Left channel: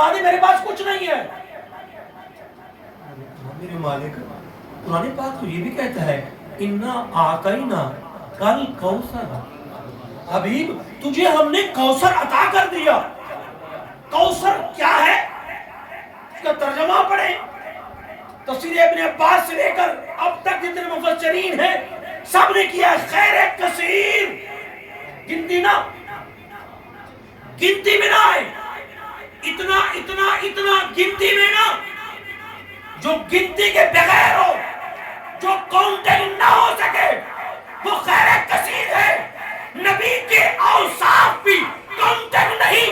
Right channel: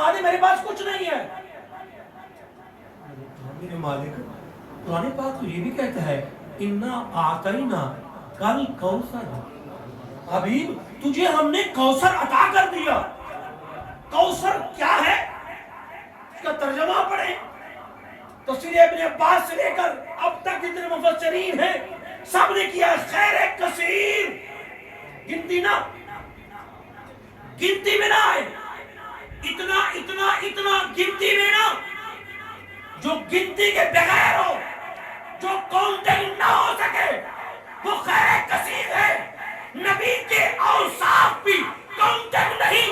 فرما دے میرے پاس کچھ نہیں ہے۔ میرے مالک قرآن پاک تو یہ بھی کہتا ہے اِنَّا آتَيْنَا کل کوثر، حبیب تجھے ہم نے کوثر عطا کر دیا۔ کوثر کیا ہے؟ اس کا ترجمہ پڑھیں، تفسیر ابن عباس سے لے کر اب تک جتنے مفسرین ہیں سب نے کیا خیر کثیر، گنتی نہ، گنتی میں نہ آئے، اتنا اتنا اتنا گنتی میں نہ، جو گنتی کے بغیر ہو، جو کاؤنٹنگ نہ ہو سکے، وہ خیر کثیر ہے۔ نبی کے اوصاف بھی کاؤنٹنگ نہیں،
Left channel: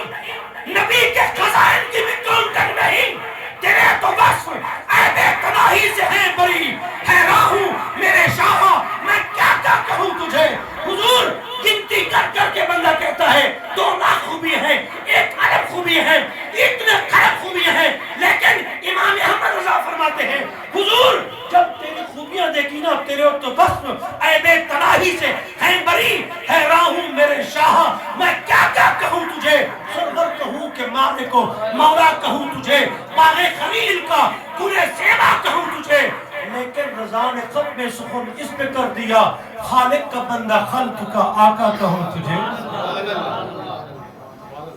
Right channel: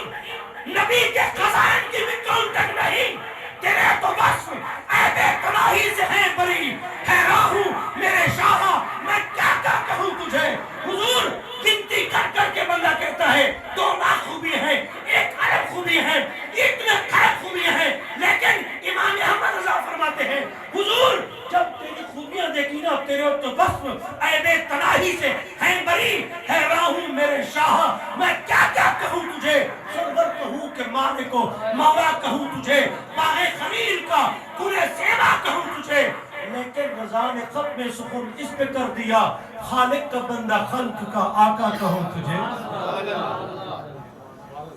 نبی کے خزائن کی بھی کاؤنٹنگ نہیں، تیرے تو بس عیب تناہی سے ہیں بری، حیران ہوں میرے شاہ میں کیا کیا کہوں تجھے۔ حضور گنتی کر کر کے بندہ کہتا ہے 2 لاکھ خوبی ہیں، 1 ارب خوبی ہیں، اتنے خراب خوبیاں ہیں، لیکن امام احمد رضا فرماتے ہیں حضور جب تیری خوبیاں دیکھی نا تیرے تو بس عیب تناہی سے ہیں بری، حیران ہوں میرے شاہ میں کیا کیا کہوں تجھے۔ سرور کہوں کہ مالک کو مولا کہوں تجھے، باغ خلیل کا پورے سیوا کہوں تجھے، لیکن رضا نے ختم سخن اس پہ کر دیا خالق کا بندہ خلق کا آقا کہوں تجھے۔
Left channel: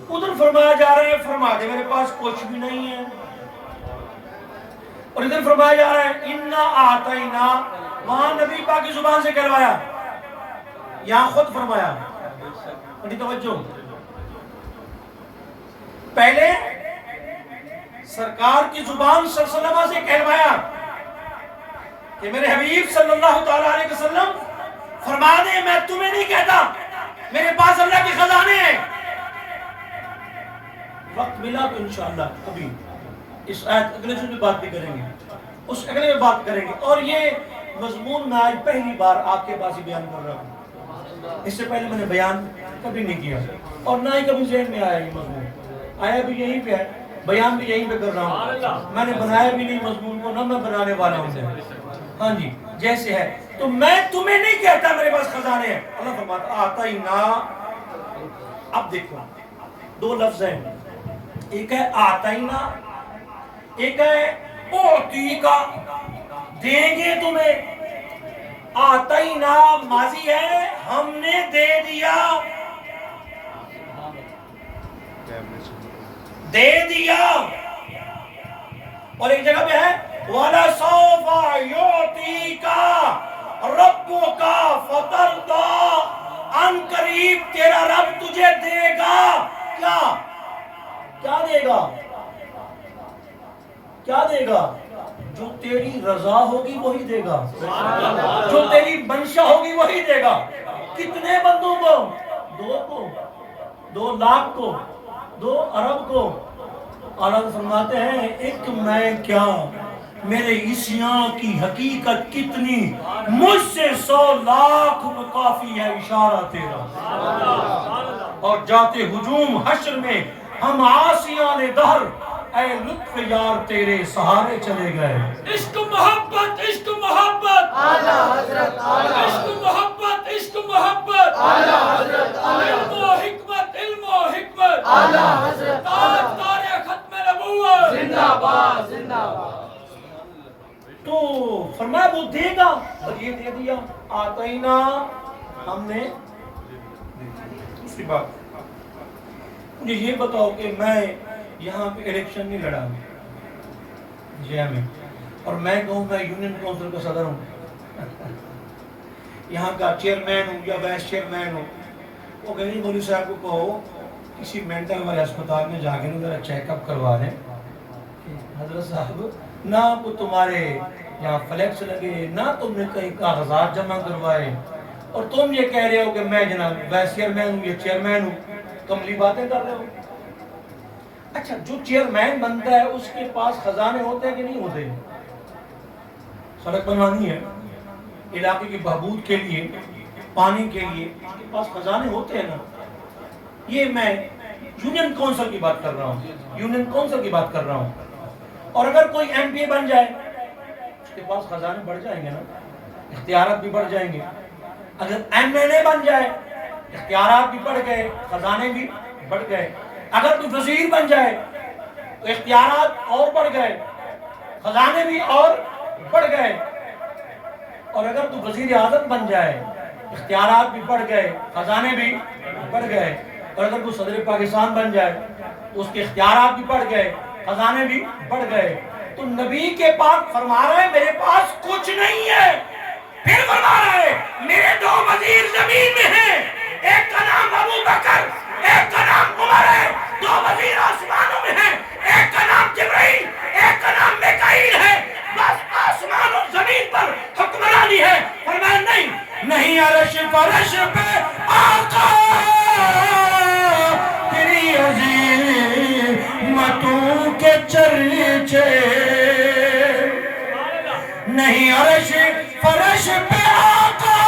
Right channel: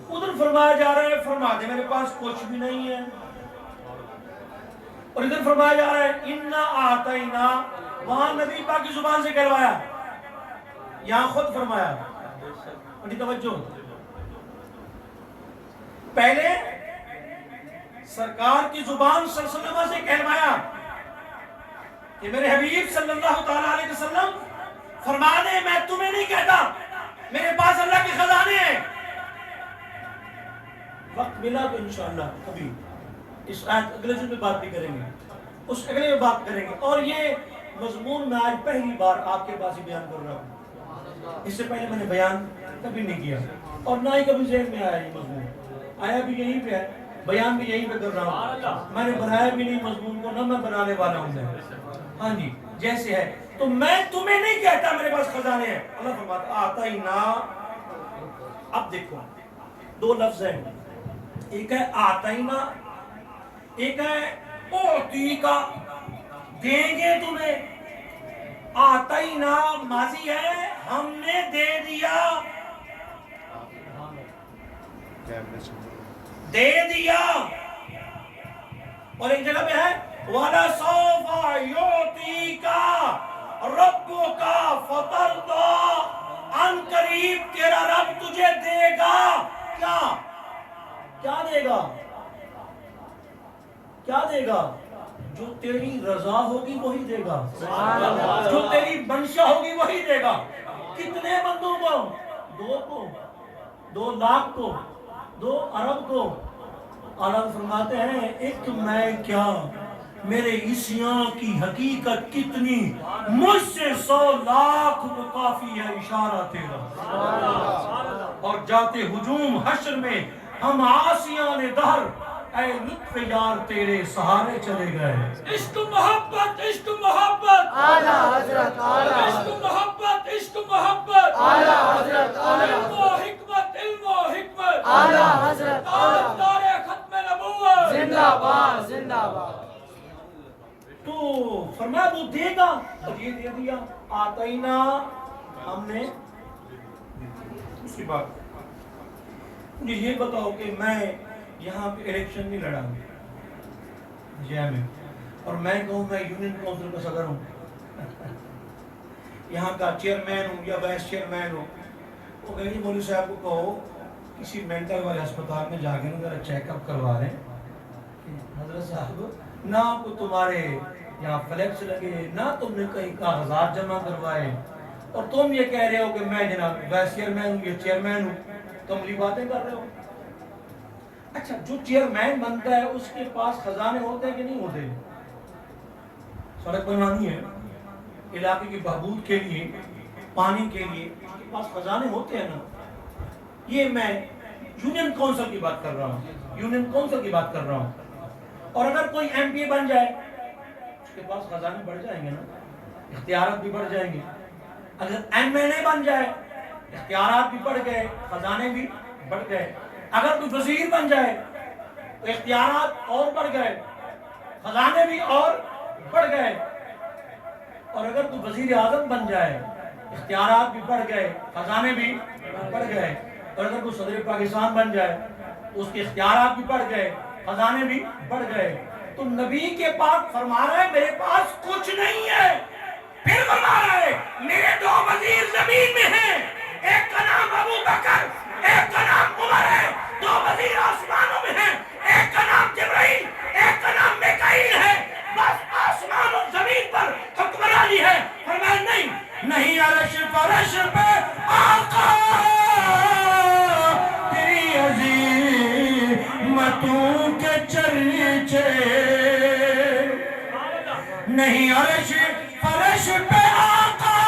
ادھر فرمایا جا رہا ہے فرما دے میرے پاس کچھ بھی نہیں ہے، اور ادھر فرمایا جا رہا ہے اِنَّا آتَيْنَا، وہاں نبی پاک کی زبان سے کہلوایا، یہاں خود فرمایا۔ بڑی توجہ، پہلے سرکار کی زبان صلی اللہ علیہ وسلم سے کہلوایا کہ میرے حبیب صلی اللہ تعالیٰ علیہ وسلم فرما دے میں تمہیں نہیں کہتا، میرے پاس اللہ کے خزانے ہیں۔ وقت ملا تو انشاءاللہ کبھی اس آیت اگلے جن میں بات بھی کریں گے، اس اگلے میں بات کریں گے، اور یہ مضمون میں آج پہلی بار آپ کے پاس ہی بیان کر رہا ہوں، اس سے پہلے میں نے بیان کبھی نہیں کیا اور نہ ہی کبھی ذہن میں آیا یہ مضمون، آیا بھی یہیں پہ ہے، بیان بھی یہیں پہ کر رہا ہوں، میں نے بنایا بھی نہیں مضمون کو، نہ میں بنانے والا ہوں۔ ہاں جی جیسے ہے تو میں تمہیں نہیں کہتا میرے پاس خزانے ہیں، اللہ فرماتا آتینا۔ اب دیکھو 2 لفظ ہیں، ایک ہے آتینا، ایک ہے اوتی کا، دیں گے تمہیں۔ آتینا ماضی ہے ہم نے دے دیا، دے دیا، اور ایک جگہ پہ ہے وَلَسَوْفَ يُعْطِيكَ رَبُّكَ فَتَرْضَىٰ، ان قریب تیرا رب تجھے دے گا، کیا کیا دے گا، کیا دے گا؟ جو تیری رضا ہوگی وہی دے گا، جو تیری منشا ہوگی وہی دے گا۔ کتنے بندوں کو؟ 2 کو، 2 لاکھ کو، 2 ارب کو۔ اللہ فرماتے ہیں ایک میں کیا، میرے عیسیاں کی حقیقت کتنی، مجھ سے 100 لاکھ کو کافی ہے اشارہ تیرا۔ اور جاتے ہجوم حشر میں ہم عاصیان دہر، اے لطف یار تیرے سہارے چلے گئے۔ عشق محبت، عشق محبت، اعلیٰ حضرت، عشق محبت، عشق محبت، اعلیٰ حضرت، علم و حکمت، علم و حکمت، اعلیٰ حضرت، تاجدار ختم نبوت، زندہ باد، زندہ باد۔ تو فرمایا وہ دے گا، اور یہ دے دیا، آتینا ہم نے۔ دوسری بات مجھے یہ بتاؤ کہ میں یہاں پہ الیکشن نہیں لڑا جے میں، اور میں کہوں میں یونین کونسل کا صدر ہوں، یہاں کا چیئرمین ہوں یا وائس چیئرمین ہوں، وہ کہیں مولوی صاحب کو کہو کسی مینٹل والے اسپتال میں جا کے میرا چیک اپ کروا دیں، حضرت صاحب نہ آپ کو تمہارے یہاں فلیکس لگے، نہ تم نے کہیں کاغذات جمع کروائے، اور تم یہ کہہ رہے ہو کہ میں جناب وائس چیئرمین ہوں یا چیئرمین ہوں، کملی باتیں کر رہے ہو۔ اچھا جو چیئرمین بنتا ہے اس کے پاس خزانے ہوتے ہیں کہ نہیں ہوتے؟ سڑک بنوانی ہے، علاقے کی بہبود کے لیے، پانی کے لیے، اس کے پاس خزانے ہوتے ہیں نا۔ یہ میں یونین کونسل کی بات کر رہا ہوں، یونین کونسل کی بات کر رہا ہوں۔ اور اگر کوئی ایم پی اے بن جائے اس کے پاس خزانے بڑھ جائیں گے نا، اختیارات بھی بڑھ جائیں گے۔ اگر ایم ایل اے بن جائے اختیارات بھی بڑھ گئے، خزانے بھی بڑھ گئے۔ اگر کوئی وزیر بن جائے اختیارات اور بڑھ گئے، خزانے بھی اور بڑھ گئے. اور اگر تو وزیر اعظم بن جائے اختیارات بھی بڑھ گئے، خزانے بھی بڑھ گئے. اور اگر تو صدر پاکستان بن جائے تو اس کے اختیارات بھی بڑھ گئے، خزانے بھی بڑھ گئے. تو نبی کے پاک فرما رہا ہے میرے پاس کچھ نہیں ہے. پھر فرما رہا ہے میرے 2 وزیر زمین میں ہیں، ایک کا نام ابو بکر، ایک کا نام عمر ہے. 2 وزیر آسمانوں میں ہیں، ایک کا نام جبرائیل، ایک کا نام میکائیل ہے. بس آسمان اور زمین پر حکمرانی ہے. فرمایا نہیں عرش فرش پہ آقا تیری عظیمتوں کے چرچے، نہیں عرش فرش پہ آقا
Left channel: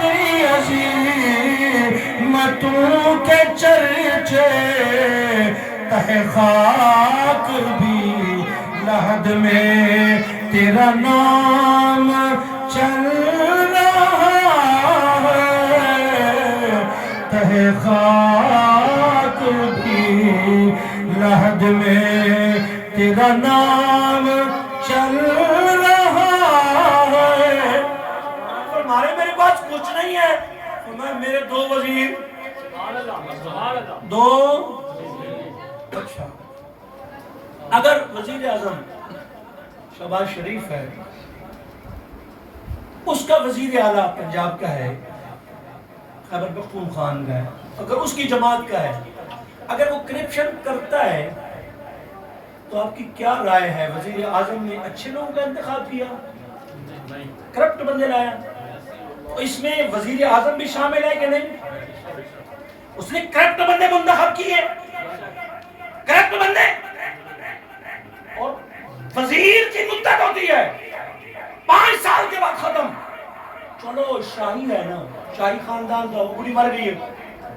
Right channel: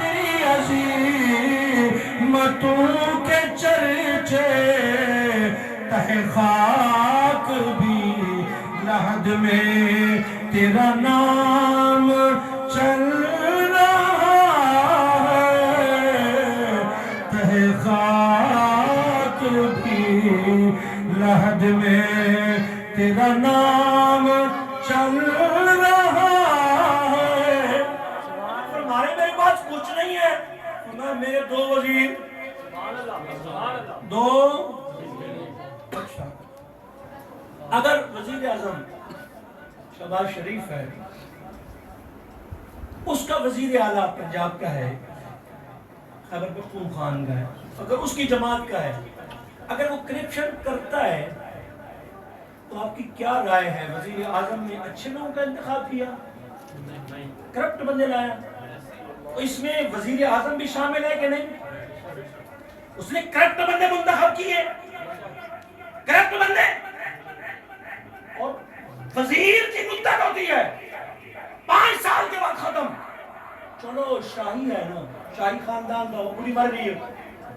تیری عظیمتوں کے چرچے، تہ خاک بھی لحد میں تیرا نام چل رہا ہے، تہ خاک بھی لحد میں تیرا نام چل رہا ہے. فرمائے میرے پاس کچھ نہیں ہے. میرے 2 وزیر، 2. اچھا اگر وزیر اعظم شہباز شریف ہے، اس کا وزیر اعلیٰ پنجاب کا ہے، خیبر پختونخوا کا ہے، اگر اس کی جماعت کا ہے، اگر وہ کرپشن کرتا ہے تو آپ کی کیا رائے ہے؟ وزیر اعظم نے اچھے لوگوں کا انتخاب کیا، کرپٹ بندے لایا؟ تو اس میں وزیر اعظم بھی شامل ہے کہ نہیں؟ اس نے کرپٹ بندے منتخب کیے، کرپٹ بندے. اور وزیر کی مدت ہوتی ہے 5 سال کے بعد ختم. چلو شاہی ہے نا، شاہی خاندان تھا، وہ بڑی مر گئی ہے،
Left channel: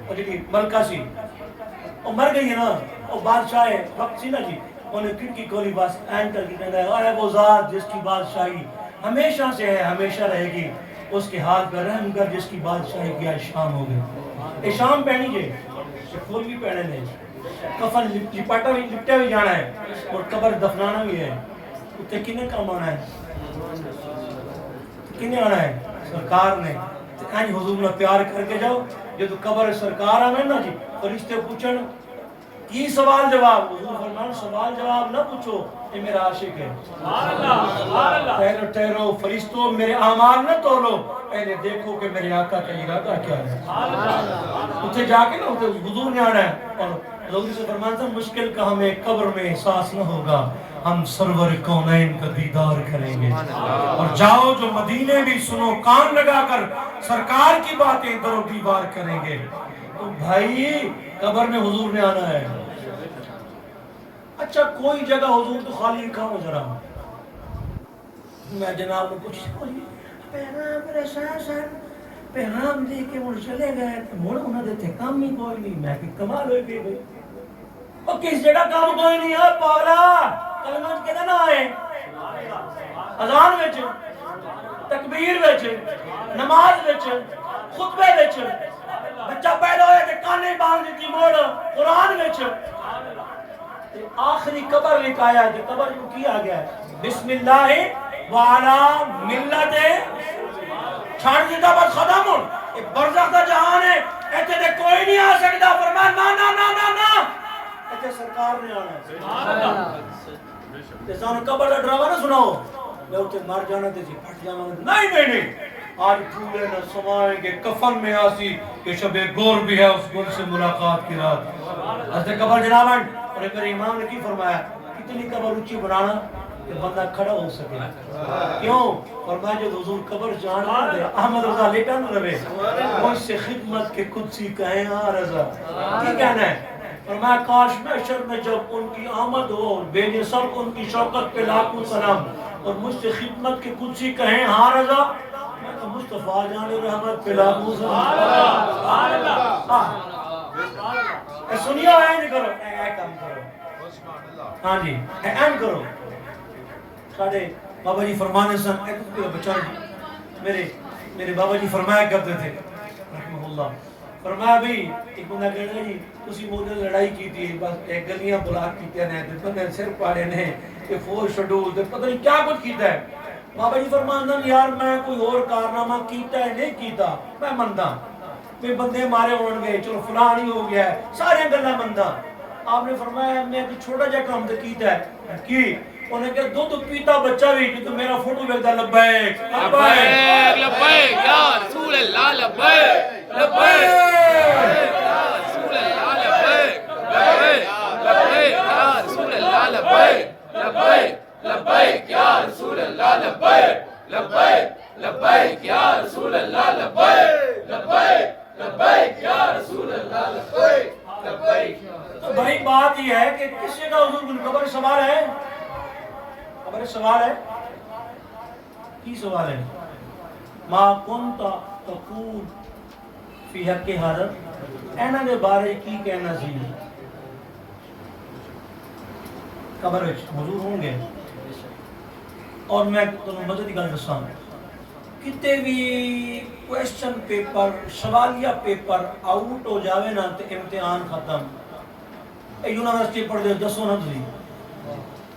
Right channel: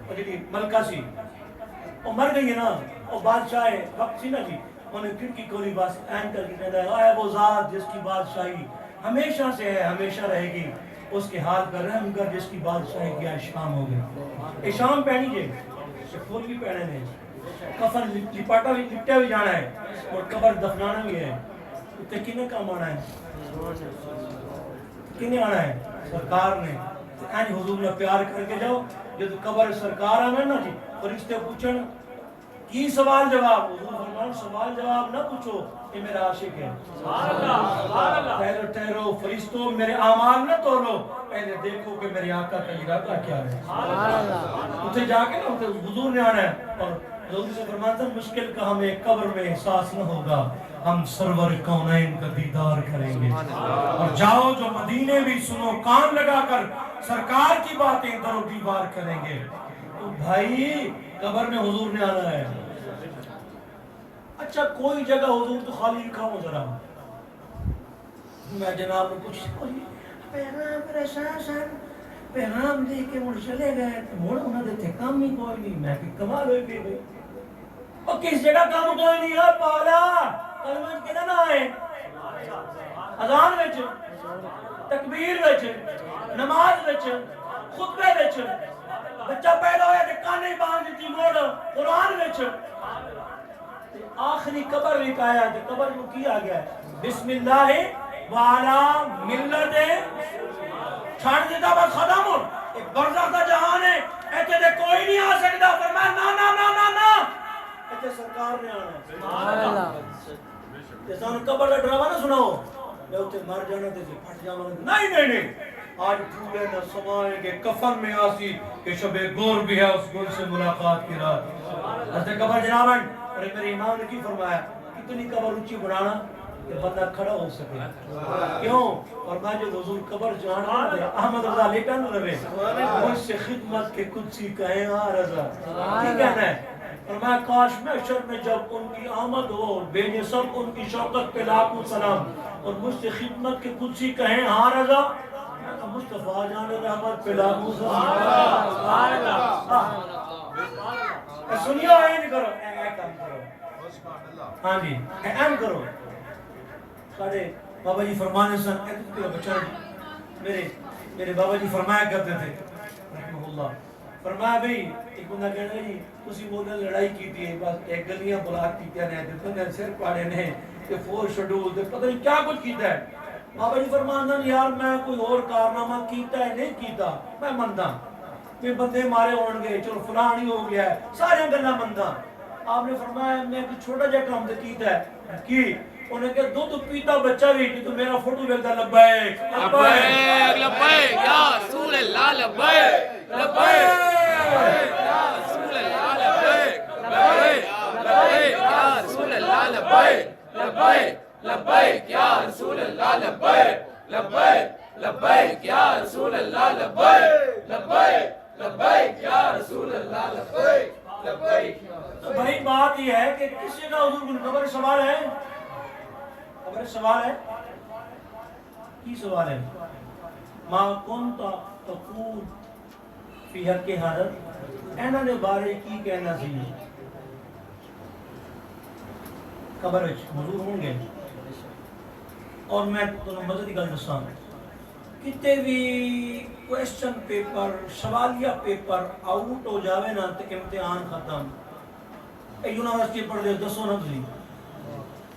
اور جی ملکہ سی وہ مر گئی ہے نا، اور بادشاہ وقت سی نا جی، انہیں کھڑکی کھولی بس این کر کے کہنا ہے اے وہ ذات جس کی بادشاہی ہمیشہ سے ہے ہمیشہ رہے گی، اس کے ہاتھ پر رحم کر جس کی بادشاہی کی آج شام ہو گئی. شام پہنی جائے، پھول بھی پہنے نہیں، کفن لپاٹا بھی لپٹا بھی جانا ہے، اور قبر دفنانا بھی ہے. اتنے کنے کام آنا ہے، کنے آنا ہے؟ سرکار نے. اینج حضور نے پیار کر کے جاؤ جو تو قبر سرکار آنا نا جی، فرشتے پوچھن کی سوال جواب، حضور فرمان سوال جواب نہ پوچھو، یہ میرا عاشق ہے. ٹھہرو ٹھہرو فرشتوں، میرے اعمال نہ تولو، پہلے دیکھو کہ میرے آقا کا ارادہ کیا ہے. اتنے جا کے نا حضور نے آنا ہے، اور حضور سے فرمان تھا مشکل کا ہمیں قبر میں احساس نہ ہوگا، ہم سرور کونین کا دیدار کریں گے. اور جاؤ جو مدینے بھی سنو کان لگا کر سرکار کی باتیں در و دیوار کریں گے. تو بھائی قبر میں حضور نے آنا ہے. اچھا کوئی جگہ حضور تو خالی لکھا ہو ذرا، میں جناب نے کچھ پیغام دے کے مڑ چلے گئے، مڑ انہوں نے تھے کام ہی کوئی نہیں. میں کہ کمال ہوئے پہ گئی، اور کس جگہ کام کوئی نہیں ہے پالا کلمہ کہنا نہ آئے، اذان وچ، تکبیر وچ، نماز وچ، خطبے وچ، بچہ پیدا ہویا کہ کانے باندھ دیتی موڑ قرآن وچ. آخری قبر لکھ آیا کہ قبر کو کیا گیا ہے بسم اللہ وعلا ملت چھاڑ دیتا بس ختم. ایک برزخ دا جہان ہے، ایتے دے کوئی نہیں آ سکتا. فرمایا نا نا نا نا نا ایتے سرکار نے آنا ہے. سانو قبر دا ڈراوا نہ سناؤ میں اتنے مر جانا تے جی پھٹ جانا. نہیں نہیں نہیں، آج پھولے نہ سمائیں گے کفن میں آسی کہ شب گور بھی ہے اس گل سے ملاقات کی رات. حضرت قبر جنابن اور میرے امام نے کی فرمایا کتنی قبر اونچی بنانا کہ بندہ کھڑا ہو سکے. کیوں؟ فرمایا جو حضور قبر جانا دے احمد رضا لیٹا نہ رہے، مجھ سے خدمت کے قدسی کہیں ہاں رضا. کی کہنا ہے؟ فرمایا کاش محشر میں جب ان کی آمد ہو بھیجے سب ان کی شوقت پہ لاکھوں سلام، اور مجھ سے خدمت کے قدسی کہیں ہاں رضا. مصطفیٰ جان رحمت پہ لاکھوں سلام. سنیو این کرو، اے کام کرو، ہاں جی این کرو. ساڑھے بابا جی فرمانے سن ایک بچہ جی میرے بابا جی فرمایا کرتے تھے رحمہ اللہ فرمایا بھی ایک بندہ کہنے جی تسی مجھے لڑائی کی تھی بس ایک گلیاں بلاک کی نے بندے سر پاڑے نے کہ فور شیڈول تے پتہ نہیں کیا کچھ کیتا ہے بابا جی فرماندہ یار میں کوئی اور کارنامہ کیتا ہے نہیں کیتا میں مندہ میں بندے مارے ہون گئے چلو فلان ہی ہو گیا ہے سارے گلہ مندہ آپ نے فرمایا میں کوئی چھوٹا جا کام تے کیتا ہے کی انہیں کہ دودھ پیتا بچہ بھی کہ تو میرا فوٹو بیکتا لبیک لبیک لبیک یا رسول اللہ لبیک لبیک یا رسول اللہ لبیک لبیک لبیک یا رسول اللہ لبیک لبیک لبیک یا رسول اللہ لبیک لبیک لبیک یا رسول اللہ لبیک لبیک لبیک یا رسول اللہ لبیک لبیک. تو بھائی بات یہ ہے کہ کسی کا حضور بن قبر سوال ہے خبر سوال ہے کی سوال ہے ما کنت تقول فی حق حضرت اینا دے بارے کی کہنا سی قبر وچ حضور ہوں گے اور میں تمہیں مزے دی گل دساں کتے بھی کویسچن پیپر سوالیہ پیپر آؤٹ ہو جاوے نا تے امتحان ختم یونیورسٹی پڑھ دے دسو نا تھی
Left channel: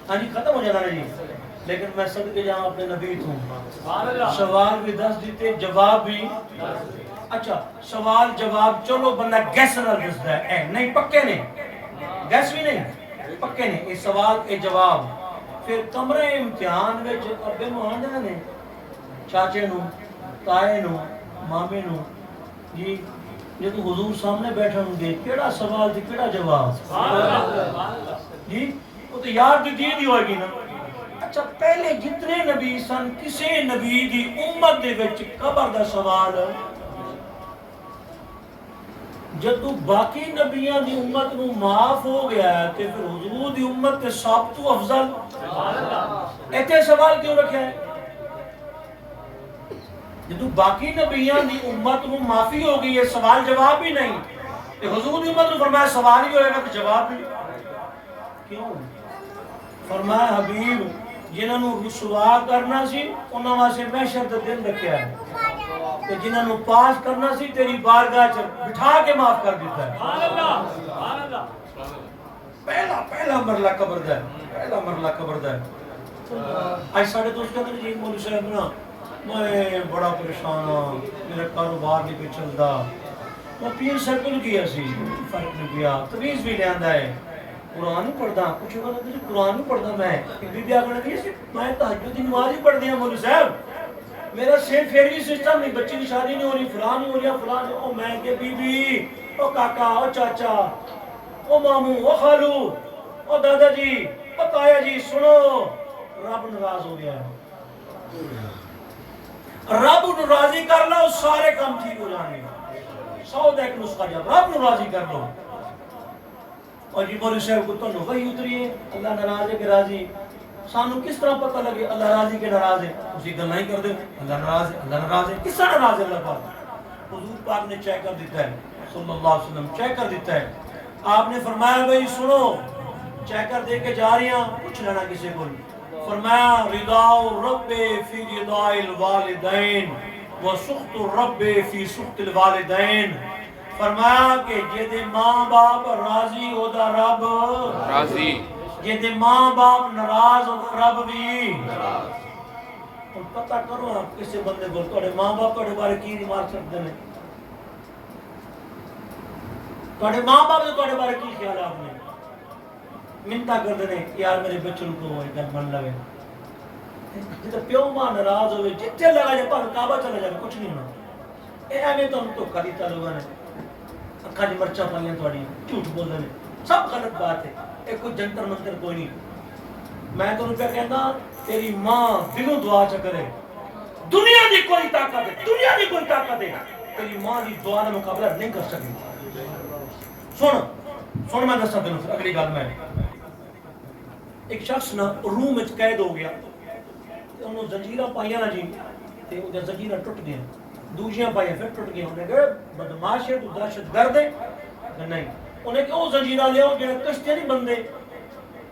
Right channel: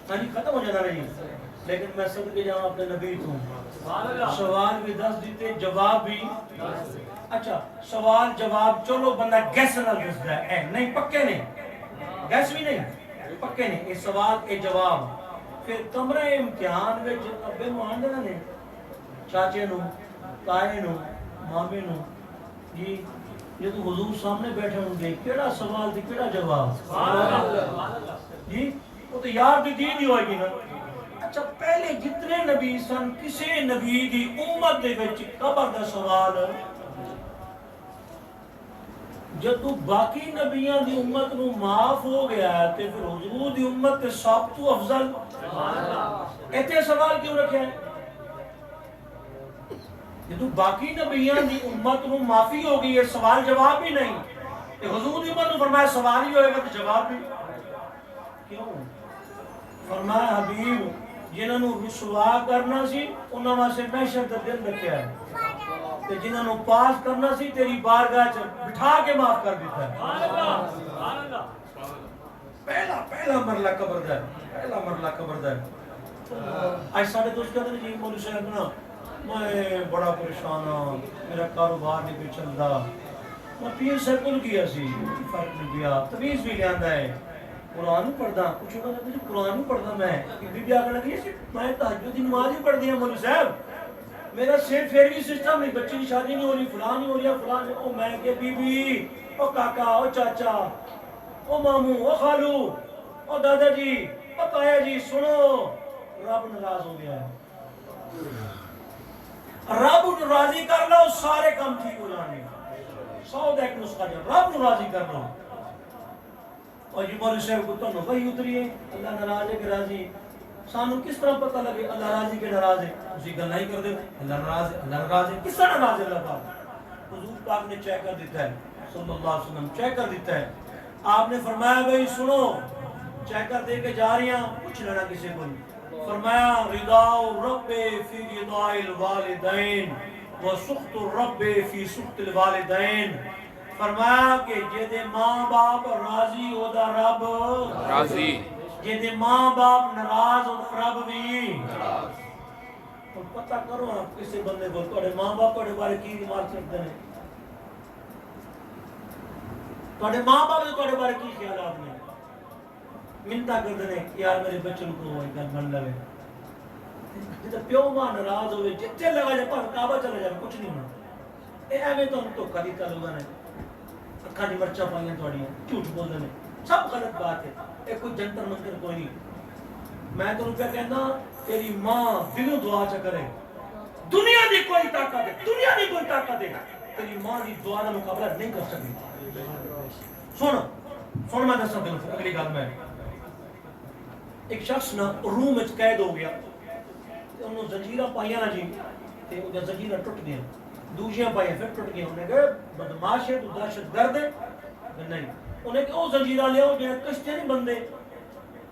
ہاں جی ختم ہو جانا جی لیکن میں صدقے جہاں اپنے نبی ہوں سوال بھی 10 دیتے جواب بھی اچھا سوال جواب چلو بندہ گیس نہ دستا ہے نہیں پکے نہیں گیس بھی نہیں پکے نہیں یہ سوال یہ جواب پھر کمرے امتحان میں ابے نو آندے نے چاچے نو تائے نو مامے نو جی یہ تو حضور سامنے بیٹھے ہوں گے کیڑا سوال تھی کیڑا جواب جی وہ تو یار جو دی ہوئے گی نا اچھا پہلے جتنے نبی سن کسی نبی دی امت دے وچ قبر دا سوال جدو باقی نبیان دی امت نو معاف ہو گیا ہے تے پھر حضور دی امت تے سب تو افضل ایتے سوال کیوں رکھا ہے جدو باقی نبیان دی امت نو معافی ہو گئی ہے سوال جواب بھی نہیں تے حضور دی امت نو فرمایا سوال ہی ہوئے گا تو جواب بھی کیوں فرمایا حبیب جنہاں نو رسوا کرنا سی انہاں واسطے محشر دا دن رکھیا ہے کہ جنہاں نو پاس کرنا سی تیری بارگاہ چ بٹھا کے معاف کر دیتا ہے پہلا مرلہ قبر دا ہے پہلا مرلہ قبر دا ہے آج ساڑھے دوست کہتے ہیں جی مولوی صاحب نا میں بڑا پریشان ہوں میرا کاروبار نہیں پہ چلتا میں پیر سرکل کیا سی فرق نہیں کیا تویز بھی لے آندا ہے قرآن ہی پڑھدا کچھ ہوگا تو قرآن ہی پڑھدا میں بھی آگے لگی ہے میں تہجد دی نماز ہی پڑھ دیا مولوی صاحب میرا سیٹ فیروی سسٹم نہیں بچی کی شادی نہیں ہو رہی فلان نہیں ہو رہی فلان او میں کہ بی بی او کاکا او چاچا او ماموں او خالو او دادا جی او تایا جی سنو رب ناراض ہو گیا ہے رب راضی کر لو سارے کام ٹھیک ہو جائیں گے 100 ایک نسخہ جب رب راضی کر لو اور جی مولوی صاحب کو تو وحی اتری ہے اللہ ناراض ہے کہ راضی سانو کس طرح پتہ لگے اللہ راضی کے ناراض ہے اسی گل نہیں کر دے اللہ ناراض ہے کس طرح ناراض ہے اللہ پاک حضور پاک نے چیک کر دیتا ہے صلی اللہ علیہ وسلم چیک کر دیتا ہے آپ نے فرمایا بھئی سنو چیک کر دے کے جا رہی ہیں کچھ لینا کسی کو فرمایا رضا الرب فی رضا الوالدین و سخط الرب فی سخط الوالدین فرمایا کہ جے ماں باپ راضی ہو دا رب راضی جے ماں باپ ناراض ہو دا رب بھی ناراض تو پتہ کرو آپ کسے بندے کو تھوڑے ماں باپ تھوڑے بارے کی ریمارک کرتے ہیں تھوڑے ماں باپ نے تھوڑے بارے کی خیال آپ نے منتا کر دے یار میرے بچوں کو گل من لگے جتے پیو ماں ناراض ہوئے جتنے لگا جائے پاک کعبہ چلا جائے کچھ نہیں ہونا اے ایویں تو ہم تو کری تعلقہ نے اکھاں دی مرچا پائیاں تھوڑی جھوٹ بولنے نے سب غلط بات ہے اے کوئی جنتر منتر کوئی نہیں میں تو پہ کہنا تیری ماں دلوں دعا چ کرے دنیا دی کوئی طاقت ہے دنیا دی کوئی طاقت ہے تیری ماں دی دعا کا مقابلہ نہیں کر سکتی سن میں دسا تینوں پھر اگلی گل میں ایک شخص نا روم وچ قید ہو گیا تے انہوں زنجیراں پائیاں نا جی تے او زنجیراں ٹوٹ گئیاں دوسریاں پائیاں پھر ٹوٹ گئیاں انہیں کہا بدماش ہے تو دہشت گرد ہے نہیں انہیں کہ او زنجیراں لے آؤ جڑے کشتیاں نہیں بندے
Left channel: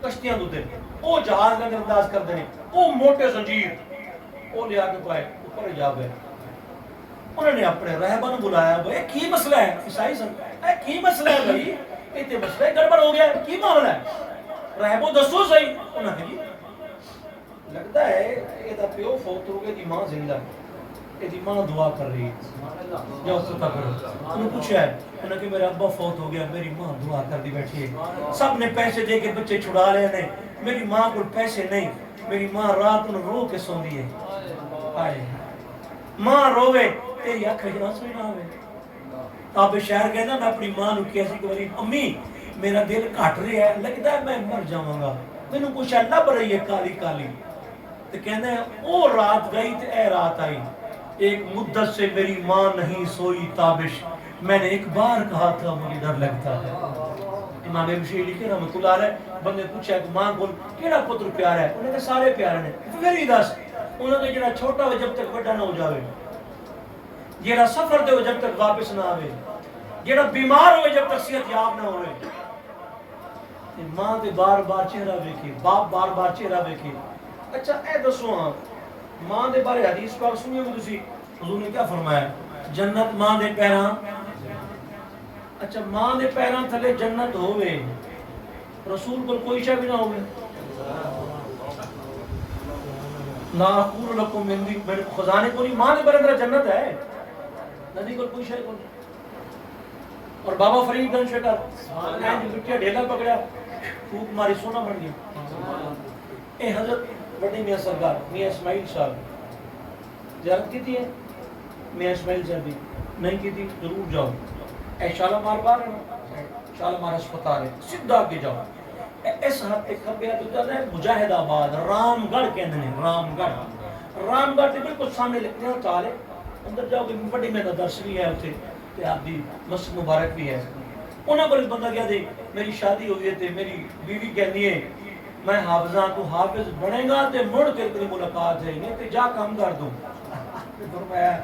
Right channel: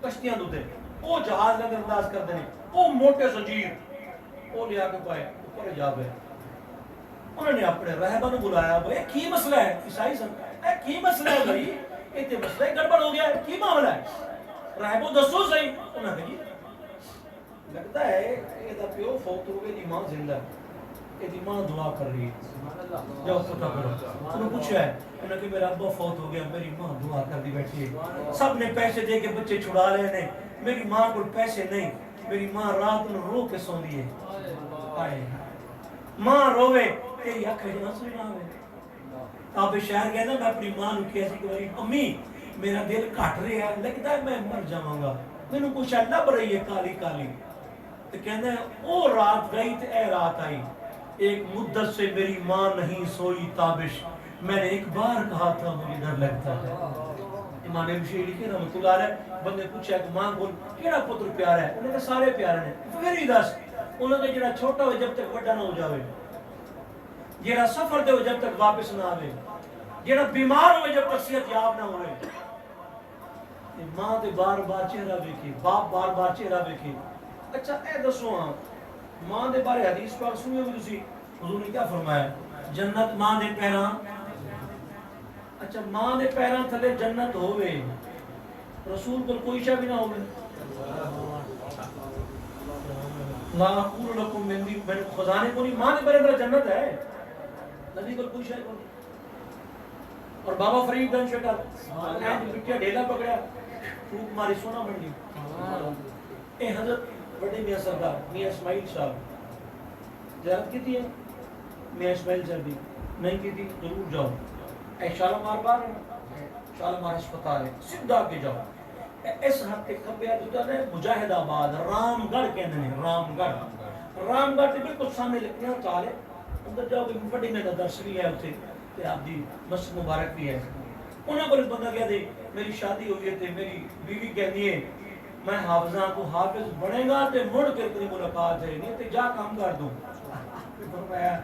کشتیاں دوتے او جہاز کا انداز کر دینے او موٹے زنجیر او لے آ کے پائے اوپر جا گئے انہوں نے اپنے رہبر بلایا بھائی کی مسئلہ ہے عیسائی سن کی مسئلہ ہے بھائی اتنے مسئلہ ہے گڑبڑ ہو گیا ہے کی معاملہ ہے رہبو دسو صحیح انہوں نے لگتا ہے یہ دا پیو فوت ہو گئے دی ماں زندہ یہ دی ماں دعا کر رہی ہے جاؤ پتہ کرو انہوں نے پوچھا ہے انہوں نے کہ میرا ابا فوت ہو گیا میری ماں دعا کر دی بیٹھی ہے سب نے پیسے دے کے بچے چھڑا لے نے میری ماں کو پیسے نہیں میری ماں رات انہوں رو کے سون دی ہے ماں روے تیری آنکھیں جنہ سوئی نہ ہوئے آپ شہر گئے نا میں اپنی ماں نے کیسی کہ امی میرا دل کٹ رہا ہے لگتا ہے میں مر جاؤں گا میں نے کچھ لب رہی ہے کالی کالی تو کہنا ہے او رات گئی تو اے رات آئی ایک مدت سے میری ماں نہیں سوئی تابش میں نے ایک بار کہا تھا مجھے ڈر لگتا ہے امام ابوشیری لکھے رحمۃ اللہ علیہ بندے پوچھا کہ ماں کو کیڑا پتر پیارا ہے انہوں نے سارے پیارے ہیں پھر ہی دس انہوں نے جڑا چھوٹا ہو جب تک بڑا نہ ہو جاوے جڑا سفر دے ہو جب تک واپس نہ آوے جڑا بیمار ہوئے جب تک صحت یاب نہ ہوئے ماں دے بار بار چہرہ دیکھے باپ بار بار چہرہ دیکھے اچھا اے دسو ہاں ماں دے بارے حدیث پاک سنیے گے تسی حضور نے کیا فرمایا جنت ماں دے پیراں اچھا ماں دے پیراں تھلے جنت ہوئے رسول کو کوئی شے بھی نہ ہوئے لا اقول لكم من خزانے کو نہیں ماں دے برندر جنت ہے نبی کو کوئی شے کو نہیں اور بابا فرید دن شکر اینج مٹیا ڈھیلا پکڑا پھوک ماری سونا بن گیا اے حضرت بڑی میاں سرکار میاں اسماعیل صاحب زیارت کی تھی ہے میاں اسماعیل صاحب دی نہیں کی تھی ضرور جاؤ اے شالمار بار ہے شالمار ہسپتال ہے سیدھا آگے جاؤ اس حد تک کھبے تو ہے مجاہد آباد رام گڑھ کہنے ہیں رام گڑھ تے بالکل سامنے لکھنے ہیں تالے اندر جاؤ کہ بڑی میں درس بھی ہے اتنے تے آپ دی مسجد مبارک بھی ہے انہاں پر بندہ کہہ دے میری شادی ہوئی ہے تے میری بیوی کہنی ہے میں حافظاں تو حافظ بنے گا تے مڑ کے تیری ملاقات ہے نہیں تے جا کام کر دوں فرمایا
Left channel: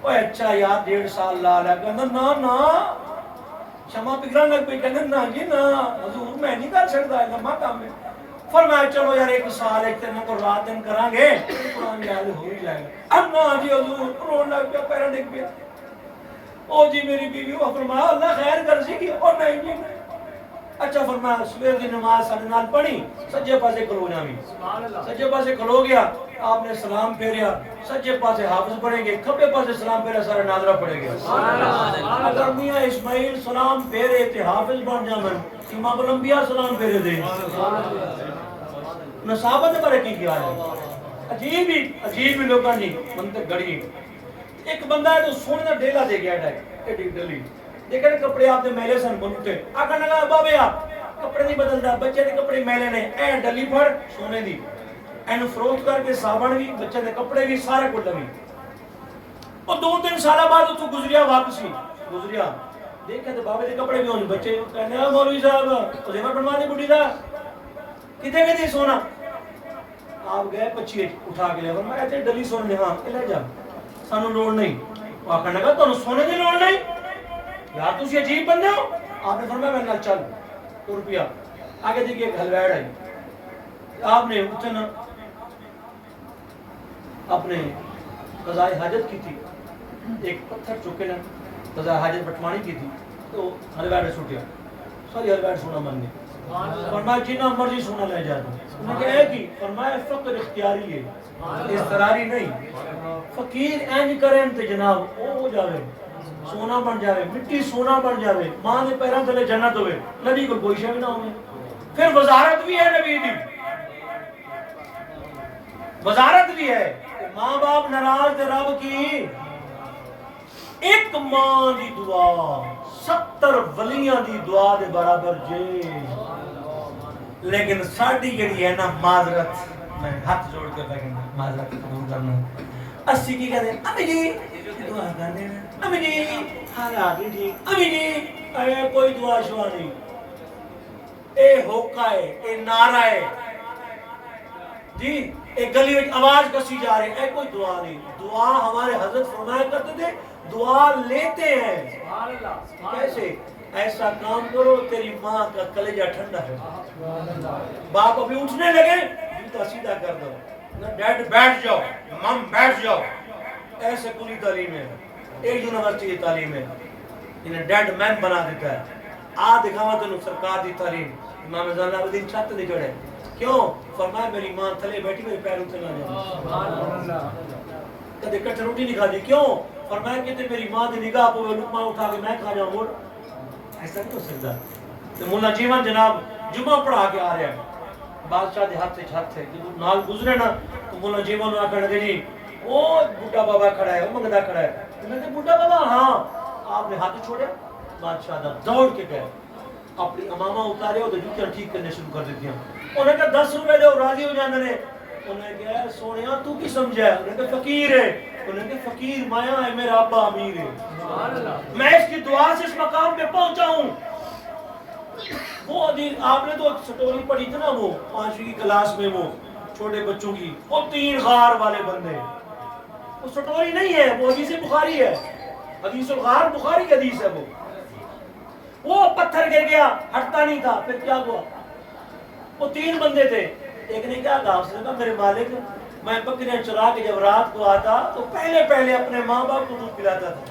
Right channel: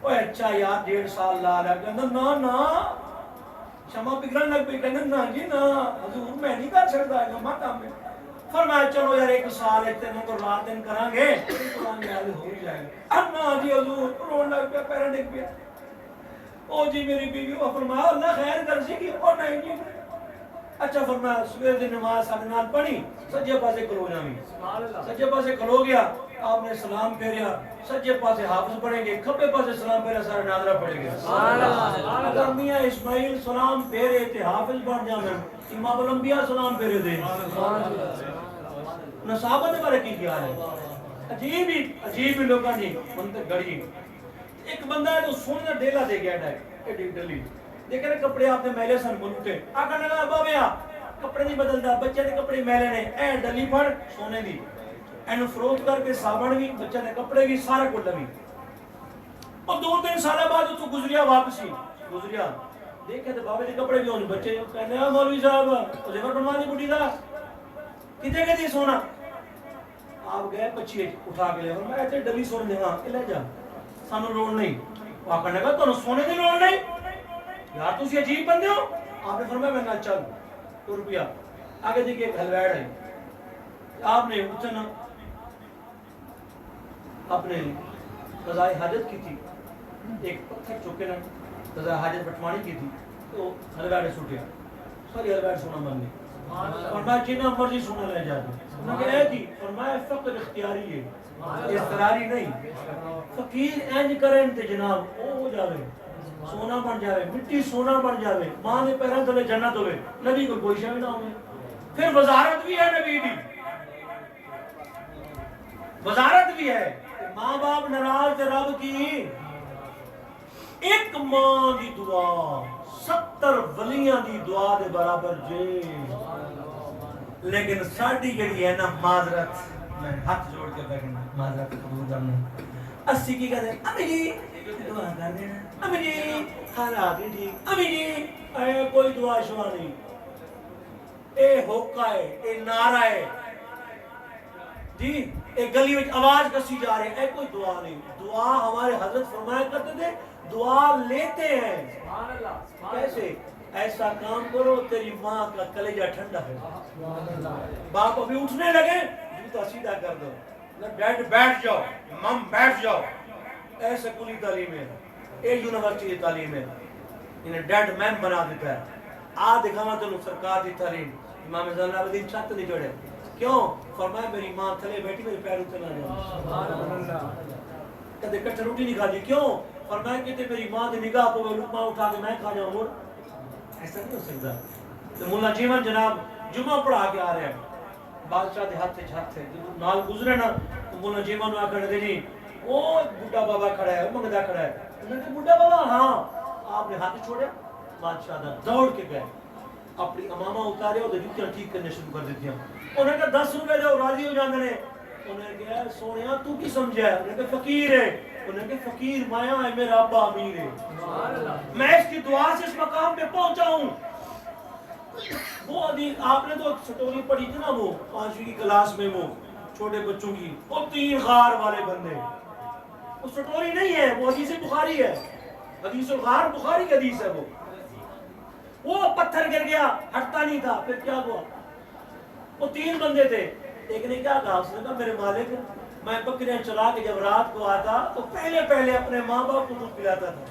اوے اچھا یار 1.5 سال لا لیا کہنا نا شمع پگران لگ پہ کہنا نا جی نا حضور میں نہیں کر سکتا ہے لمحہ کام ہے فرمایا چلو یار 1 سال ایک تین کو رات دن کران گے قرآن یاد ہو ہی جائے گا اب نا جی حضور رون لگ پیا پیرا ڈگ پیا او جی میری بیوی وہ فرمایا اللہ خیر کر سی کی اور نہیں جی اچھا فرمایا سویر دی نماز ساڑھے نال پڑھی سجے پاسے کھلو جاویں سجے پاسے کھلو گیا آپ نے سلام پھیریا سجے پاسے حافظ پڑھیں گے کھبے پاسے سلام پھیریا سارے ناظرہ پڑھے گے اگر میاں اسماعیل سلام پھیرے تے حافظ بن جاون امام الانبیاء سلام پھیرے دے نصابت بارے کی کیا ہے عجیب ہی لوگاں جی منطق گڑی ایک بندہ ہے تو سونے دا ڈیلا دے گیا ہے ایڈی ڈلی دیکھا نا کپڑے آپ نے میلے سن بلوٹے آقا نگا بابے آپ کپڑے نہیں بدلدا بچے دے کپڑے میلے نے اے ڈلی پھڑ سونے دی اینو فروخت کر کے صابن بھی بچے دے کپڑے بھی سارا کچھ لوی اور 2-3 سال بعد تو گزریا واپسی گزریا دیکھا تو بابے دے کپڑے بھی ہونے بچے کہنے ہیں مولوی صاحب زیور بنوا دے بڈی دا کتے سونا آپ گئے پچھی اٹھا کے لے فرمایا تے ڈلی سونے ہاں لے جا سانو لوڑ نہیں آقا نے کہا تو سونے دی لوڑ نہیں یار تسی عجیب بندے ہو آپ نے فرمایا میں نال چل روپیہ آگے دیکھئے ایک حلویڑ ہے آپ نے اتنا اپنے قضاء حاجت کی تھی ایک پتھر چکے لیں قضاء حاجت بٹمانی کی تھی تو حلویڑ سوٹیا ساری حلویڑ سونا بن گئی فرمایا جنہ مرضی سونا لے جاتا انہوں نے کہا کی فرمایا فقر اختیاری ہے استراری نہیں فقیر اینج کریں تے جناب او ہو جاوے سونا بن جاوے مٹی سونا بن جاوے ماں نے پیران تلے جنت ہوئے نبی کو کوئی شے بھی نہ ہوئے پھر وزارت بھی ہے نبی دی وزارت بھی ہے ماں باپ ناراض دے رب کی ایک ماں دی دعا 70 ولیاں دی دعا دے برابر جے لیکن ساڑی جڑی ہے نا معذرت میں ہاتھ جوڑ کے لیکن معذرت قبول کرنا اسی کی کہتے ہیں امی جی دعا کرنے امی جی حالات ٹھیک امی جی اے کوئی دعا شوا نہیں اے ہوکا ہے اے نعرہ ہے جی ایک گلی میں آواز کسی جا رہے اے کوئی دعا نہیں دعا ہمارے حضرت فرمایا کرتے تھے دعا لیتے ہیں کیسے ایسا کام کرو تیری ماں کا کلیجہ ٹھنڈا ہے باپ ابھی اٹھنے لگے جوتا سیدھا کر دو ڈیڈ بیٹھ جاؤ مم بیٹھ جاؤ ایسے کلی تعلیم ہے ایک یونیورسٹی کی تعلیم ہے انہیں ڈیڈ مین بنا دیتا ہے آ دکھاوا تینوں سرکار دی تعلیم امام زین العابدین چھت نہیں چڑھے کیوں فرمایا میری ماں تھلے بیٹھی میرے پیر اتنے نہ جائے کدے کٹھے روٹی نہیں کھا دی کیوں فرمایا کہ میری ماں دی نگاہ پہ لقمہ اٹھا کے میں کھا جاؤں مڑ ایسا نہیں ہو سکتا تو مولا جیون جناب جمعہ پڑھا کے آ رہے ہیں بادشاہ دے ہاتھ ہے جب نال گزرے نا تو مولا جیون آ کر لگے جی وہ بڈھا بابا کھڑا ہے وہ منگدا کھڑا ہے میں نے بڈھا بابا ہاں آپ نے ہاتھ چھوڑے بادشاہ دا دوڑ کے گئے اپنی امامہ اتارے اور جوتیاں ٹھیک کرنے شروع کر دیتی ہیں انہیں کہا 10 روپے دے راضی ہو جاندے نے انہیں کہا سونیا تو کی سمجھا ہے انہیں کہا فقیر ہے انہیں کہا فقیر مایا ہے میرا ابا امیر ہے میں اس کی دعا سے اس مقام پہ پہنچا ہوں وہ آپ نے تو سٹوری پڑھی تھی نا وہ 5ویں کی کلاس میں وہ چھوٹے بچوں کی وہ 3 غار والے بندے وہ سٹوری نہیں ہے وہ حدیث بخاری ہے حدیث الغار بخاری کی حدیث ہے وہ پتھر گر گیا ہٹتا نہیں تھا پھر کیا ہوا وہ 3 بندے تھے ایک نے کیا کہا اس نے کہا میرے مالک میں بکریاں چرا کے جب رات کو آتا تو پہلے اپنے ماں باپ کو دودھ پلاتا تھا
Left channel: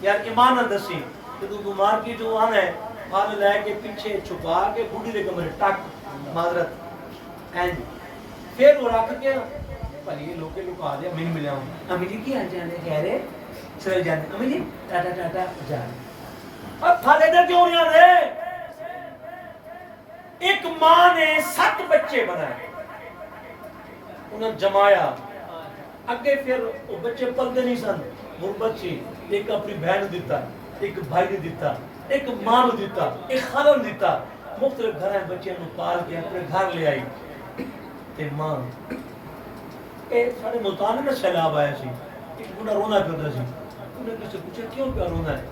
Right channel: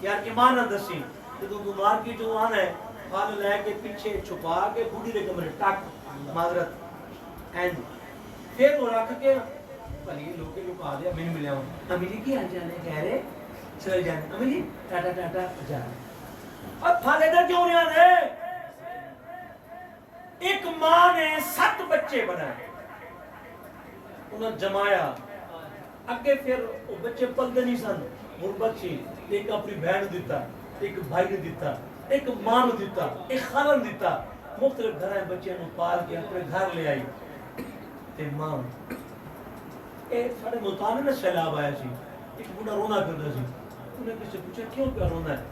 یار ایمان اندسی کہ تو مارکیٹ جو آنا ہے پھل لے کے پیچھے چھپا کے بوڑھی دے کمرے ٹک معذرت اینڈ پھر وہ رکھ کے پلی لوکے لکا دیا من ملیا ہوں امی جی کی آ جانے کہہ رہے چل جانے امی جی ٹاٹا ٹاٹا جانے اب پھل ادھر کیوں نہیں آنے ایک ماں نے 7 بچے بنائے انہیں جمایا اگے پھر وہ بچے پلتے نہیں سن غربت سی ایک اپنی بہن دیتا ایک بھائی نے دیتا ایک ماں نے دیتا ایک خالن دیتا مختلف گھر بچے نو پال کے اپنے گھر لے آئی تے ماں اے سارے ملتان میں سیلاب آیا سی ایک بڑا رونا پھرتا سی انہیں کسی سے پوچھا کیوں پیا رونا ہے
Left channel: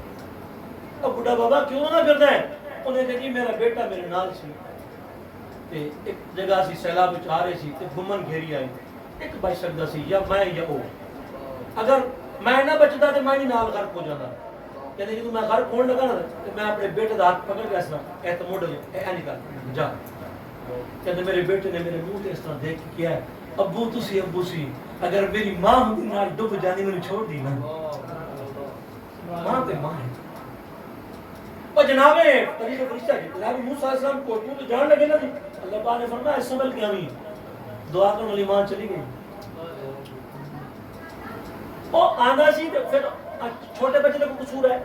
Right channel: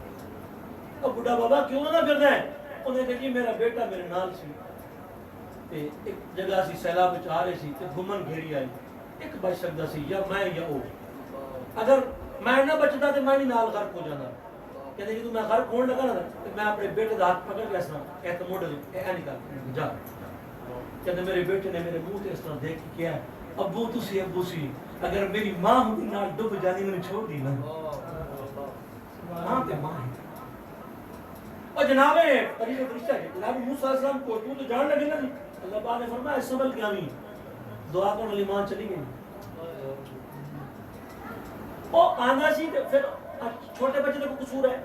اب بڑا بابا کیوں رونا پھرتا ہے انہیں کہا جی میرا بیٹا میرے نال سی تے ایک جگہ سی سیلاب وچ آ رہے سی تے گھمن گھیری آئی ایک بچ سکتا سی یا میں یا او اگر میں نہ بچتا تے میں بھی نال غرق ہو جانا کہتے جی تو میں غرق ہونے لگا نا تو میں اپنے بیٹے دا ہاتھ پکڑ کے اس طرح اے تو موڑ دو اے نکال جا کہتے میرے بیٹے نے میرے منہ تے اس طرح دیکھ کے کیا ہے ابو سی اگر میری ماں ہوتی نال ڈوب جانی میں چھوڑ دی نا ماں تے ماں ہے اور جناب طریقہ فرشتہ ہے جناب موسیٰ علیہ السلام کو تو جان لگے نا جی اللہ پاک نے فرمایا اس سنبھل کے آمین دعا کرنے والی ماں چلی گئی وہ آنا سی پھر چھوٹے بچے کا قصور ہے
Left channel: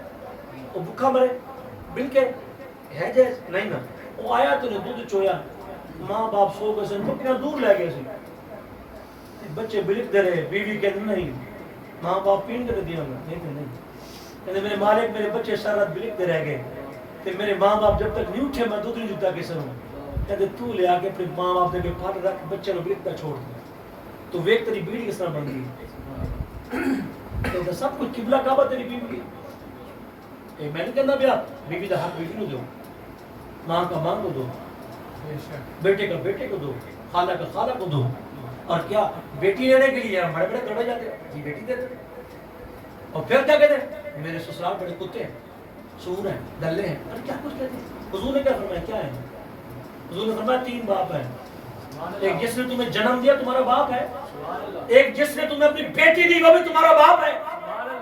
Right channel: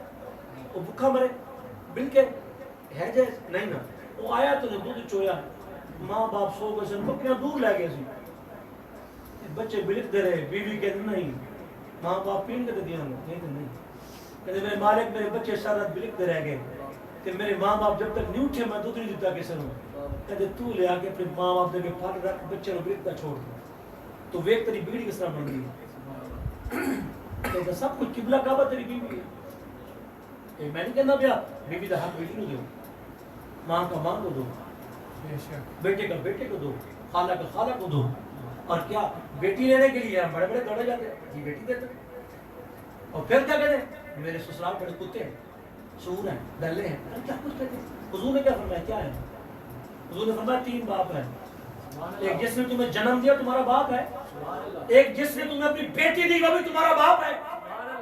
وہ بھوکا مرے بل کے ہے جیس نہیں نا وہ آیا تو نے دودھ چویا ماں باپ سو گئے سن بکریاں دور لے گئے سی بچے بلک دے رہے بیوی کہتے نہیں ماں باپ پین کے دیا نہیں کہتے میرے مالک میرے بچے سارا رات بلک دے رہ گئے کہ میرے ماں باپ جب تک نہیں اٹھے میں دودھ نہیں دیتا کسے ہوں کہتے تو لے آ کے اپنے ماں باپ دے کے پھل رکھ بچے نو بلک دا چھوڑ دے تو ویک تیری بیڑی کس طرح بن گئی کہتا سب کچھ قبلہ کعبہ تیری بیوی ہے میں نہیں کہنا پیا بیوی دا حق بیوی نو دو ماں کا ماں کو دو بیٹے کا بیٹے کو دو خالہ کا خالہ کو دو اور کیا بیٹی لینے کے لیے ہم بڑے بڑے دوڑے جاتے ہیں جی بیٹی دیتے اور پھر کیا کہتے ہیں میرے سسرال بڑے کتے ہیں سور ہیں دلے ہیں ارے کیا کچھ کہتے ہیں حضور نے کیا فرمایا کیا ہے حضور نے فرمایا 3 باپ ہیں ایک جس نے تمہیں جنم دیا تمہارا باپ ہے ایک جس نے تمہیں اپنی بیٹی دی وہ بھی تمہارا باپ ہے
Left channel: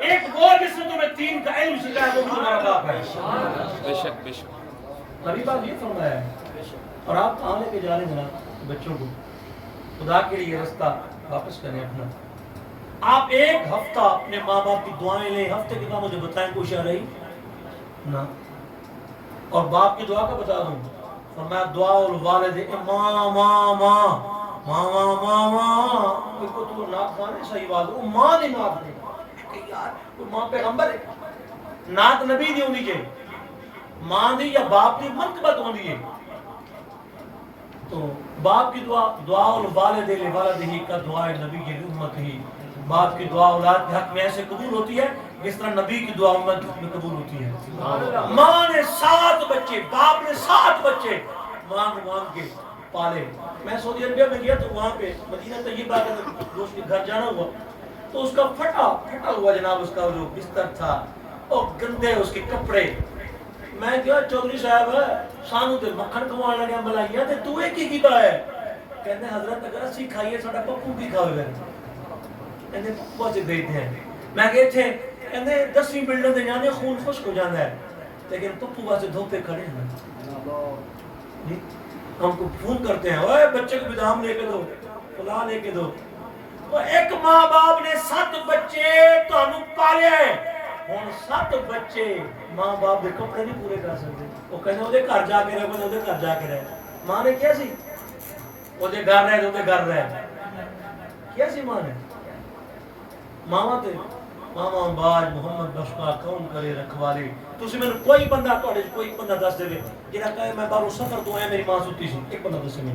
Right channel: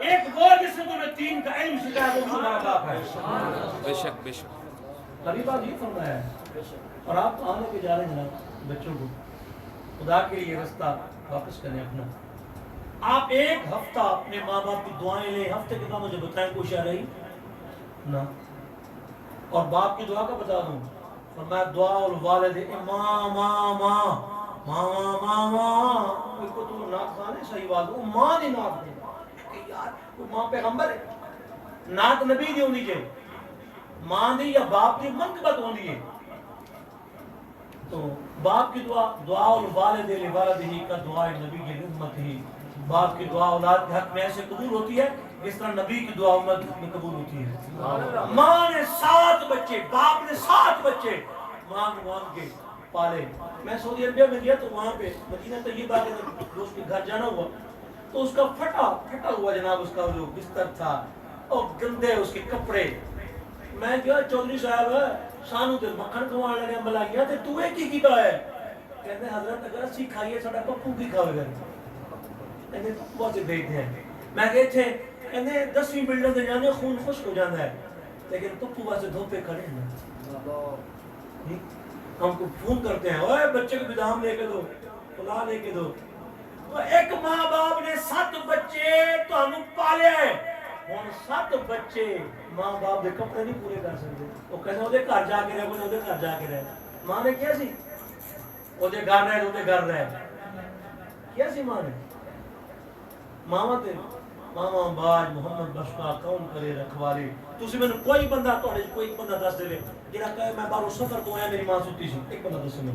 ایک وہ جس نے تمہیں 3 کا علم سکھایا وہ بھی تمہارا باپ ہے بے شک نبی پاک یہ فرمایا ہے اور آپ کہاں لے کے جا رہے ہیں جناب بچوں کو خدا کے لیے رستہ واپس کریں اپنا آپ ایک ہفتہ اپنے ماں باپ کی دعائیں لیں ہفتے کے بعد مجھے بتائیں کوئی شاہ رہی نا اور باپ کی دعا کا بتا دوں فرمایا دعا الوالد ماں ماں ماں ماں ماں ماں کوئی کو تو ناک کھانے صحیح بات وہ ماں دی ناک دے کہ یار کوئی ماں پیغمبر ہے ناک نبی دی ہوندی کہ ماں دی یا باپ دی منقبت ہوندی ہے تو باپ کی دعا الوالد لوالدہ کا دعا نبی کی امت ہی باپ کی دعا اولاد کے حق میں ایسے قبول ہوتی ہے جس طرح نبی کی دعا امت میں قبول ہوتی ہے ماں نے 7 بچے باپ نے 7 بچے مانگ کے پالے میں سعودی عربیہ میں گیا تو وہاں پہ مدینہ طیبہ کے دوست کے گھر جانا ہوا تو اس کا پھٹا ہوا جناب اس کا جو بستر تھا اور گندے اس کے کپڑے میں کیا چودھری صاحب سانو تے مکھن کھوان لگے ملائیاں تے تو ایک ہی کیتا ہے کہندے حضرت اگر اسی کھائیے ساڈا پپو کی کھاوے گا کہندے پپو سے بیٹھے ہیں میں گئے تھے کہنے 10ویں بلڈنگ دے جانے خون خشک ہو جانا ہے لیکن پپو واسے دھوپے کھڑے ہیں ہم کو فون کرتے ہیں اوے بچے کو بدام لے کے دو فلاں لے کے دو ایک ماں باپ نے 7 بچے تانوں پالے ہن 7 بچے ماں باپ دے کپڑے نہیں پورے کر سکتے وہ کہنے اودے گھر جا کے رہے اودے گھر جا کے رہے ماں نے کیا سی اودے گھر رہے اودے گھر رہے کیا سی ماں نے ماما تے ماما باج محمد بشکا کون کرے رکھوالی تسی میں کوئی بندہ تواڈے کوئی بندہ دس دے جڑا کہے میں باہر سفر تو آیا میری ماں ستی سی ایک بندہ دسے میں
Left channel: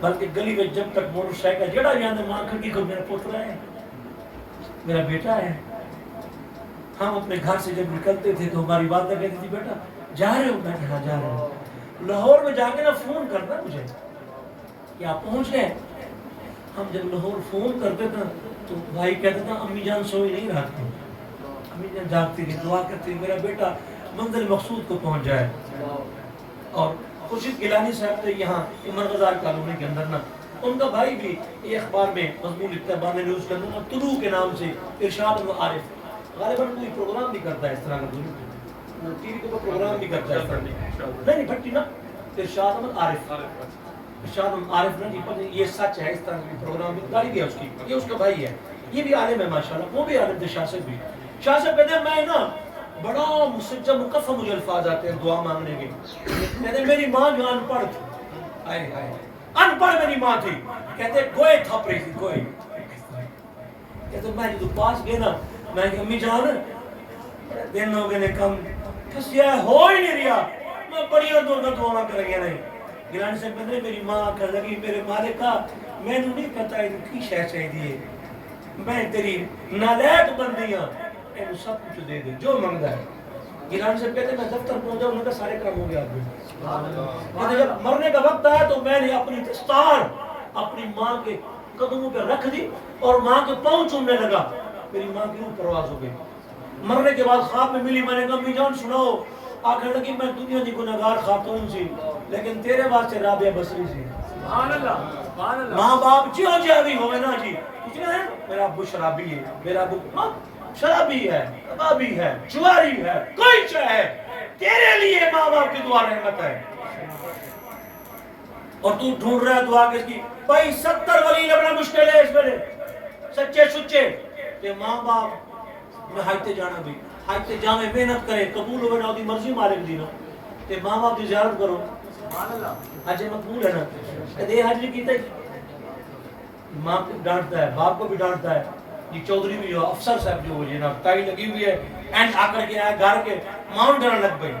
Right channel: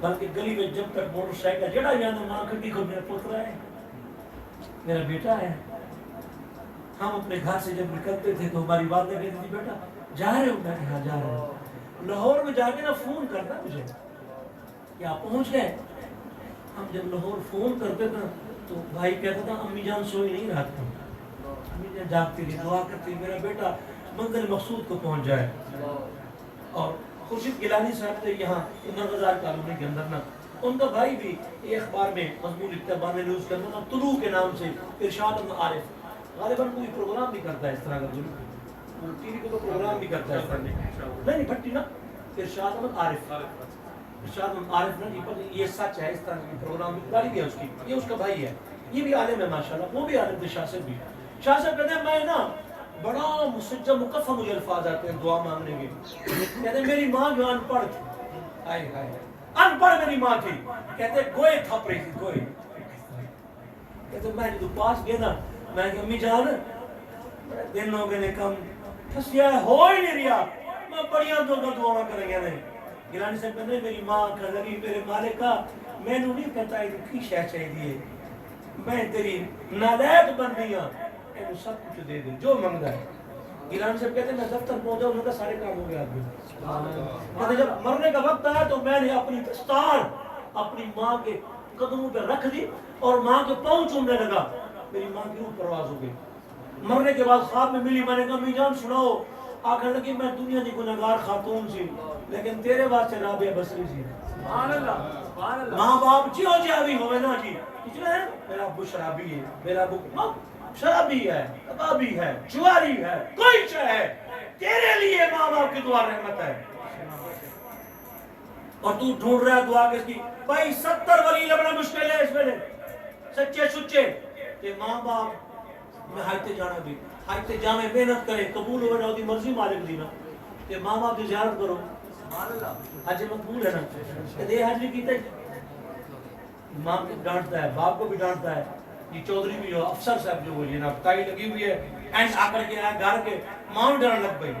بلکہ گلی میں جب تک موٹر سائیکل جڑا جاندے ماں کھڑکی کو میرا پوترا ہے میرا بیٹا ہے ہم اپنے گھر سے جب نکلتے تھے تو ہماری والدہ کہتی تھی بیٹا جا رہے ہو میں کہ ہاں جا رہا ہوں لاہور میں جا کے نا فون کرنا مجھے کہ آپ پہنچ گئے ہم جب لاہور فون کرتے تھے تو بھائی کہتا تھا امی جان سوئی نہیں رات کو امی جان جاگتی تھی دعا کرتی میرا بیٹا منزل مقصود کو پہنچ جائے اور خورشید گیلانی صاحب تھے یہاں عمر غزال کالونی کے اندر نا ان کا بھائی بھی یہ اخبار میں مضمون لکھتا ہے بانے نیوز کے اندر نا طلوع کے نام سے ارشاد عارف غالباً کوئی پروگرام بھی کرتا ہے اس طرح کا ٹی وی کو پروگرام بھی کرتا ہے اس طرح نہیں بھٹی نا ارشاد عارف ارشاد عارف نا یہ سچ ہے اس طرح کی پروگرام بھی گاڑی بھی ہے اس کی یہ اس کا بھائی ہے یہ بھی عالم ہے ماشاءاللہ وہ بھی عالم تھے شاہ صاحب بھی شاہ صاحب کہتے ہیں میں نا بڑا مسجد مکفہ مجھے الفاظ آتے ہیں دعا مانگنے کے کہتے ہیں میری ماں جو ان پڑھ تھی آئے آئے ان پڑھ میری ماں تھی کہتے ہیں گوئے تھپ رہی تھی گوئے کہتے ہیں میں جو پاس گئے نا میں کہ امی جان بڑے دن ہو گئے نے کم پھسیا ہو ہی نہیں رہا میں بڑیاں دعا کر گیا نہیں گیلانی صاحب کہتے ہیں میری ماں کر لگی میرے مالکہ میں نے نہیں پتا ہے کی شے چاہیے میں تیری نالائق بندی ہوں کہ سب کچھ دے دے جو منگتا ہے گیلانی صاحب کہتے ہیں میں دفتر پہنچا انہوں نے سارے کام ہو گیا آپ کہتے ہیں جب مرنے کا وقت آیا تو میں نے اپنی دستار اپنی ماں کے قدموں پہ رکھ دی اور ماں کے پاؤں چومنے لگا میری ماں کی روح پرواز ہو گئی مرنے کے بعد خواب میں ملی میں نے کہا امی جان سناؤ آخر لگی میں دنیا کی گناہگار خاتون سی لیکن تیرے واسطے رابعہ بصری سی ماں باپ جیو جاوی ہوئے نا جی کچھ ہے میرا ابو شرابی ہے میرا ابو شرابی ہے کبابی ہے جواری ہے کوئی شے ہے تیرے لیے ماں باپ کی دعا رحمت ہے اور تو ڈھونڈ رہا ہے دعا کس کی بھائی 70 ولی لبنا مشکل ہے اس میں سچے سچے کہ ماں باپ میں حج تے جانا بھی حج تے جانے محنت کرے قبول ہوئے نا دی مرضی مالک دی نا تے ماں باپ کی زیارت کرو حج مقبول ہے نا کہ حج نہیں کیتا ماں کو ڈانٹتا ہے باپ کو بھی ڈانٹتا ہے یہ چودھری بھی جو افسر صاحب جو یہ نا ٹائی لگی ہوئی ہے اینڈ آ کر کے آیا گھر کے ماں ڈرن لگ گئی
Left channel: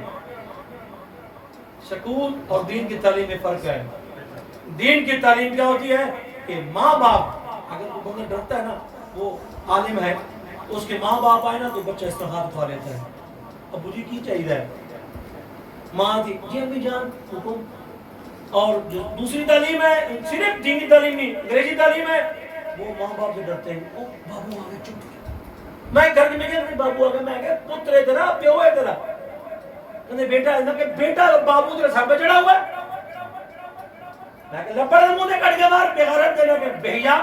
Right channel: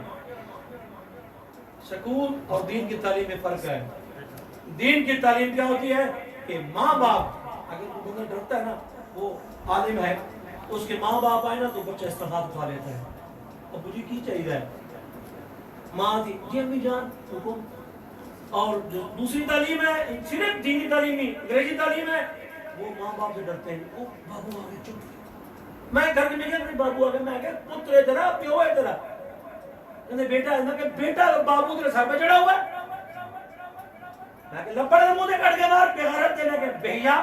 سکول اور دین کی تعلیم میں فرق ہے دین کی تعلیم کیا ہوتی ہے کہ ماں باپ اگر کوئی بندہ ڈرتا ہے نا وہ عالم ہے اس کے ماں باپ آئے نا تو بچہ اس طرح ہاتھ اٹھا لیتا ہے ابو جی کی چاہیے ماں تھی جی امی جان حکم اور جو دوسری تعلیم ہے صرف دینی تعلیم نہیں انگریزی تعلیم ہے وہ ماں باپ سے ڈرتے ہیں او بابو آگے چپ میں گھر میں گیا بابو آگے میں کہ پتر ہے تیرا پیو ہے تیرا کہنے بیٹا ہے نا کہ بیٹا بابو تیرے سر پہ چڑھا ہوا ہے میں کہ لپڑ منہ دے کٹ کے مار بغیرت دے لگے بھیا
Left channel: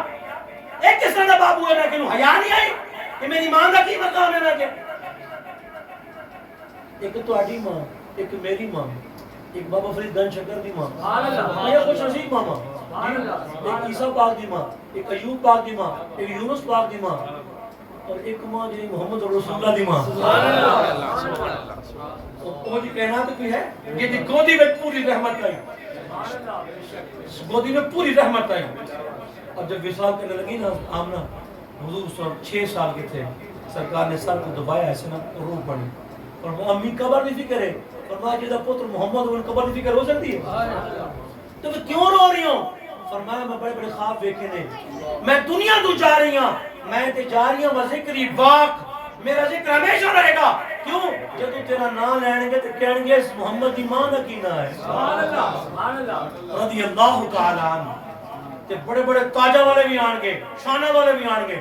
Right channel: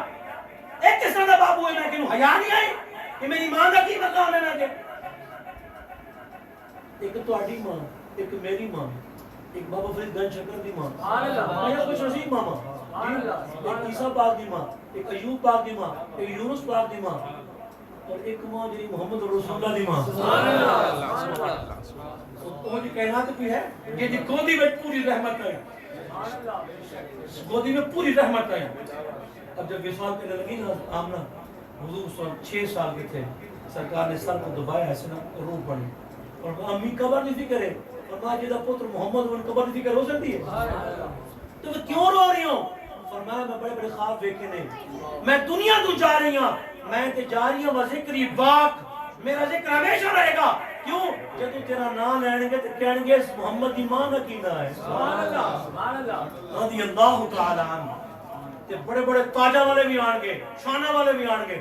ایک کس طرح کا بابو ہے میں کہ حیا نہیں آئی کہ میری ماں کا کی مقام ہے میں کہ ایک تہاڈی ماں ایک میری ماں ایک بابا فرید گنج شکر دی ماں یہ خوش نصیب ماما ایک عیسیٰ پاک دی ماں ایک ایوب پاک دی ماں ایک یونس پاک دی ماں اور ایک ماں جنہیں محمد رسول اللہ دی ماں وہ جی کہنا تو کوئی ہے یہ دی گودی میں پوری رحمت آئی گودی میں پوری رحمت آئی اب جب وصال کرنے لگی نا آمنہ حضور 6 سال کے تھے سرکار نے سر کو دبایا ایسے نا روح پڑی اور امی قبر نہیں فکر ہے فرمایا جیدہ پتر محمد ان قبر نہیں فکر ہو سکتی ہے تو میں کیوں رو رہی ہوں فرمایا میں بڑے بڑے خواب دیکھے نہیں میں دنیا تو جا رہی ہوں میں تے جا رہی ہوں ذکری واق میرا ذکر ہمیشہ رہے گا کیوں جب تو تیرا نام لیں گے تو کہیں گے اس محمد دی ماں کا کی نام ہے سبحان اللہ رضی اللہ تعالی عنہ تے بڑے بڑے تاجہ والے بھی آن گے شانہ والے بھی آن گے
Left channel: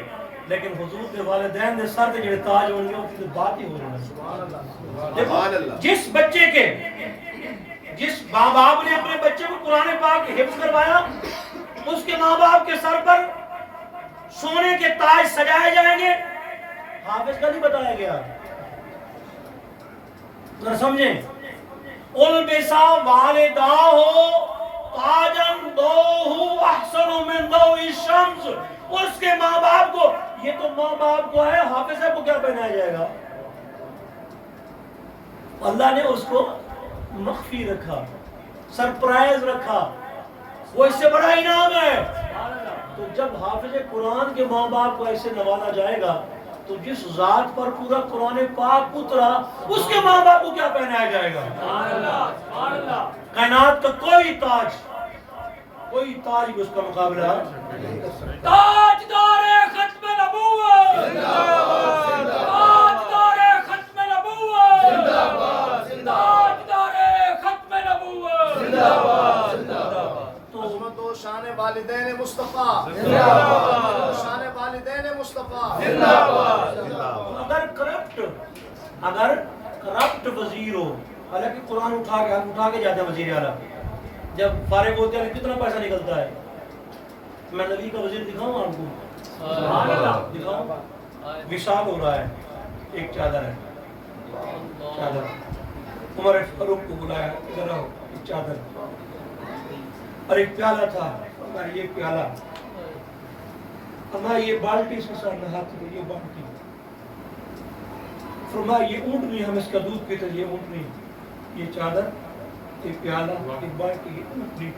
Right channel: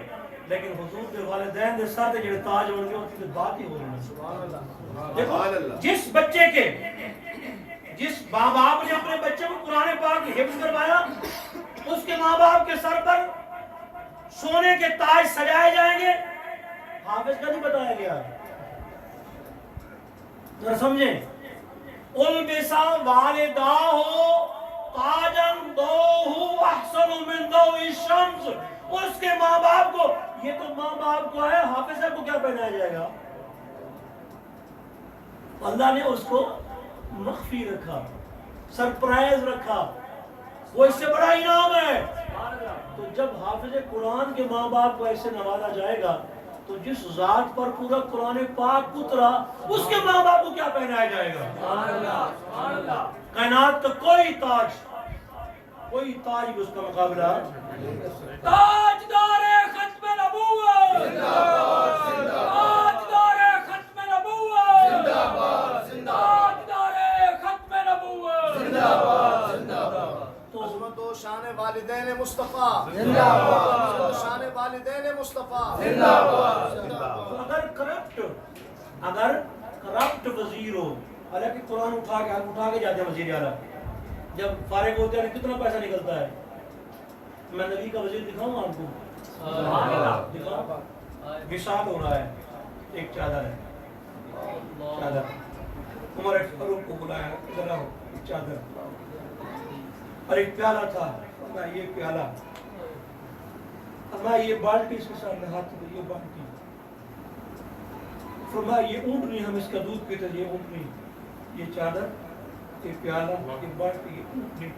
لیکن حضور کے والدین دے سر تے جڑے تاج ہون گے اس کی بات ہی ہو رہی ہے سبحان اللہ جس بچے کے جس ماں باپ نے اپنے بچے کو قرآن پاک حفظ کروایا اس کے ماں باپ کے سر پر سونے کے تاج سجائے جائیں گے، حافظ کا نہیں بتایا گیا، ذرا سمجھیں. البسا والداہ تاجن دوہ احسن من ضوء الشمس. اس کے ماں باپ کو، یہ تو ماں باپ کو ہے، حافظ صاحب کو کیا پہنایا جائے گا؟ اللہ نے اس کو مخفی رکھا، سرپرائز رکھا، وہ اس سے بڑا انعام ہے. تو جب حافظ قرآن کے ماں باپ کو ایسے نوازا جائے گا تو جس ذات پر پورا قرآن پاک اترا اس کے ماں باپ کو کیا پہنایا جائے گا؟ کائنات کا کوئی تاج بھی اس کا مقابلہ. تاجدار ختم نبوت تاجدار ختم نبوت تاجدار ختم نبوت. عظمت و شان والدین مصطفیٰ، شان والدین مصطفیٰ. اگر کرپٹ وزیر ہو، حالانکہ قرآن اٹھا کے جاتے ہیں وزیر اعلیٰ، جب فارغ ہوتے ہیں کتنا پیسہ نکلتا ہے. میں نبی کا وزیر دکھاؤں آپ کو، دکھاؤں. وصال ہو رہا ہے، ایک چادر ہے، چادر. عمر فاروق کو بلایا، ادھر آؤ، ایک چادر. اور ایک پیالہ تھا، ہمارا یہ پیالہ، ہمارا یہ بالٹی، اس کے ساتھ نہاتے تھے، یہ بالٹی. فرمایا یہ اونٹنی، ہم اس کا دودھ پیتے، یہ اونٹنی، یہ چادر، یہ پیالہ، یہ بالٹی، یہ اونٹنی.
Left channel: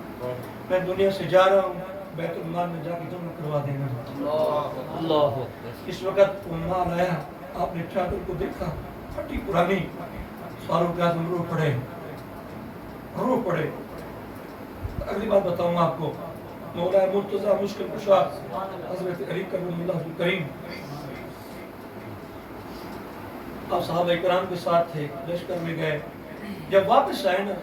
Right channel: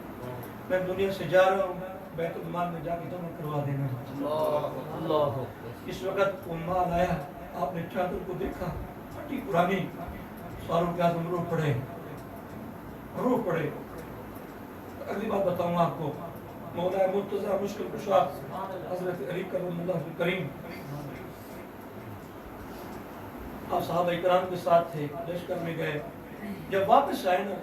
میں دنیا سے جا رہا ہوں، بیت المال میں جا کے جمع کروا دینا. اس وقت وہ مال آیا، آپ نے چادر کو دیکھا، پھٹی پرانی. فاروق اعظم رو پڑے. اگلی بات بتاؤں آپ کو، مولا مرتضیٰ مشکل کشا حضرت علی کرم اللہ کریم، آپ صحابہ کرام کے ساتھ تھے، لشکر میں گئے. جب واپس آئے نا،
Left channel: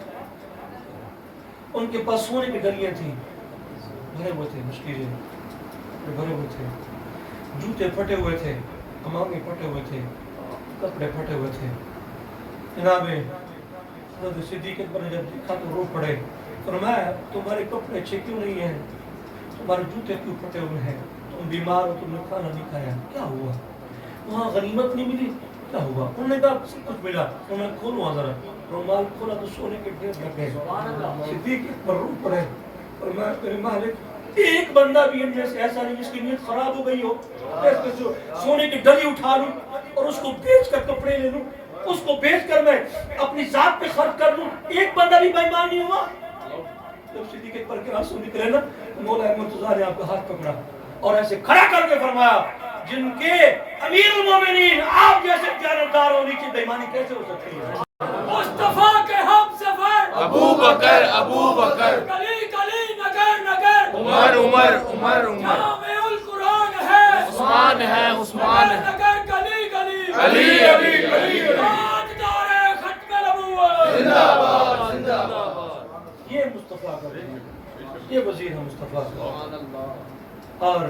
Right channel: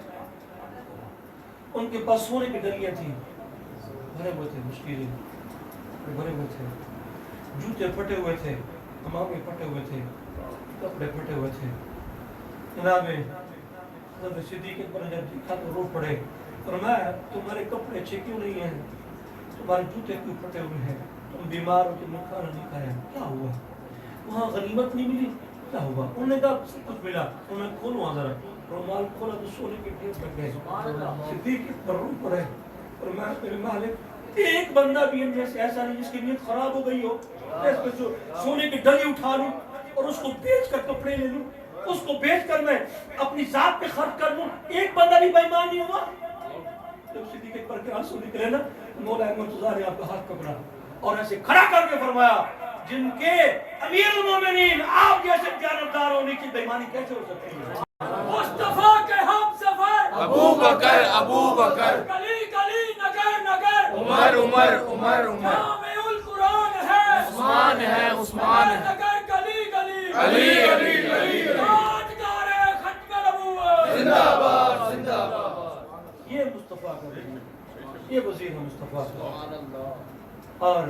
ان کے پاس سونے کی ڈلیاں تھیں، بھرے ہوئے تھے، مشکلیں بھرے ہوئے تھے، جوتے پھٹے ہوئے تھے، امامے پھٹے ہوئے تھے، کپڑے پھٹے ہوئے تھے. جناب حضرت صدیق اکبر نے جب دیکھا تو رو پڑے. فرمایا تمہارے کپڑے اچھے کیوں نہیں ہیں، تمہارے جوتے کیوں پھٹے ہوئے ہیں، تم بیمار ہو، تم نے کھانا نہیں کھایا، کیا ہوا؟ وہاں غنیمت نہیں ملی، کیا ہوا؟ انہوں نے کہا سب کچھ ملا. انہوں نے کھولو ذرا، رومال کھولا تو سونے کے ڈھیر لگ گئے. صدیق اکبر رو پڑے. فرمایا میرے مالک، ایک بندہ بھی ان میں سے ایسا نہیں جس کی نیت خراب ہو گئی ہو، سونے کی ڈلی اٹھا لوں اور اس کو بیچ کر کپڑے لے لوں، اس کو بیچ کر میں اپنی ذات پہ خرچ کر لوں، ایک بندہ بھی بے ایمان نہیں ہوا. جب صدیق اکبر کے آنسو نکلے نا، مولا مرتضیٰ نے آپ کا ہاتھ پکڑا اور ایسے کھڑا کر کے فرمایا جن کے امیر المومنین آپ جیسے جانبدار ہو، نیچے بے ایمانی کیسے ہو سکتی ہے؟ مصطفیٰ کے ہم سفر ابو بکر گلی گلی نگر نگر عمر جامع القرآن ہے عثمان ہے نگر گلی گلی علی تاجدار ختم نبوت. یہ مصطفیٰ کا وزیر، یہ وزیر ہے مصطفیٰ کا. اور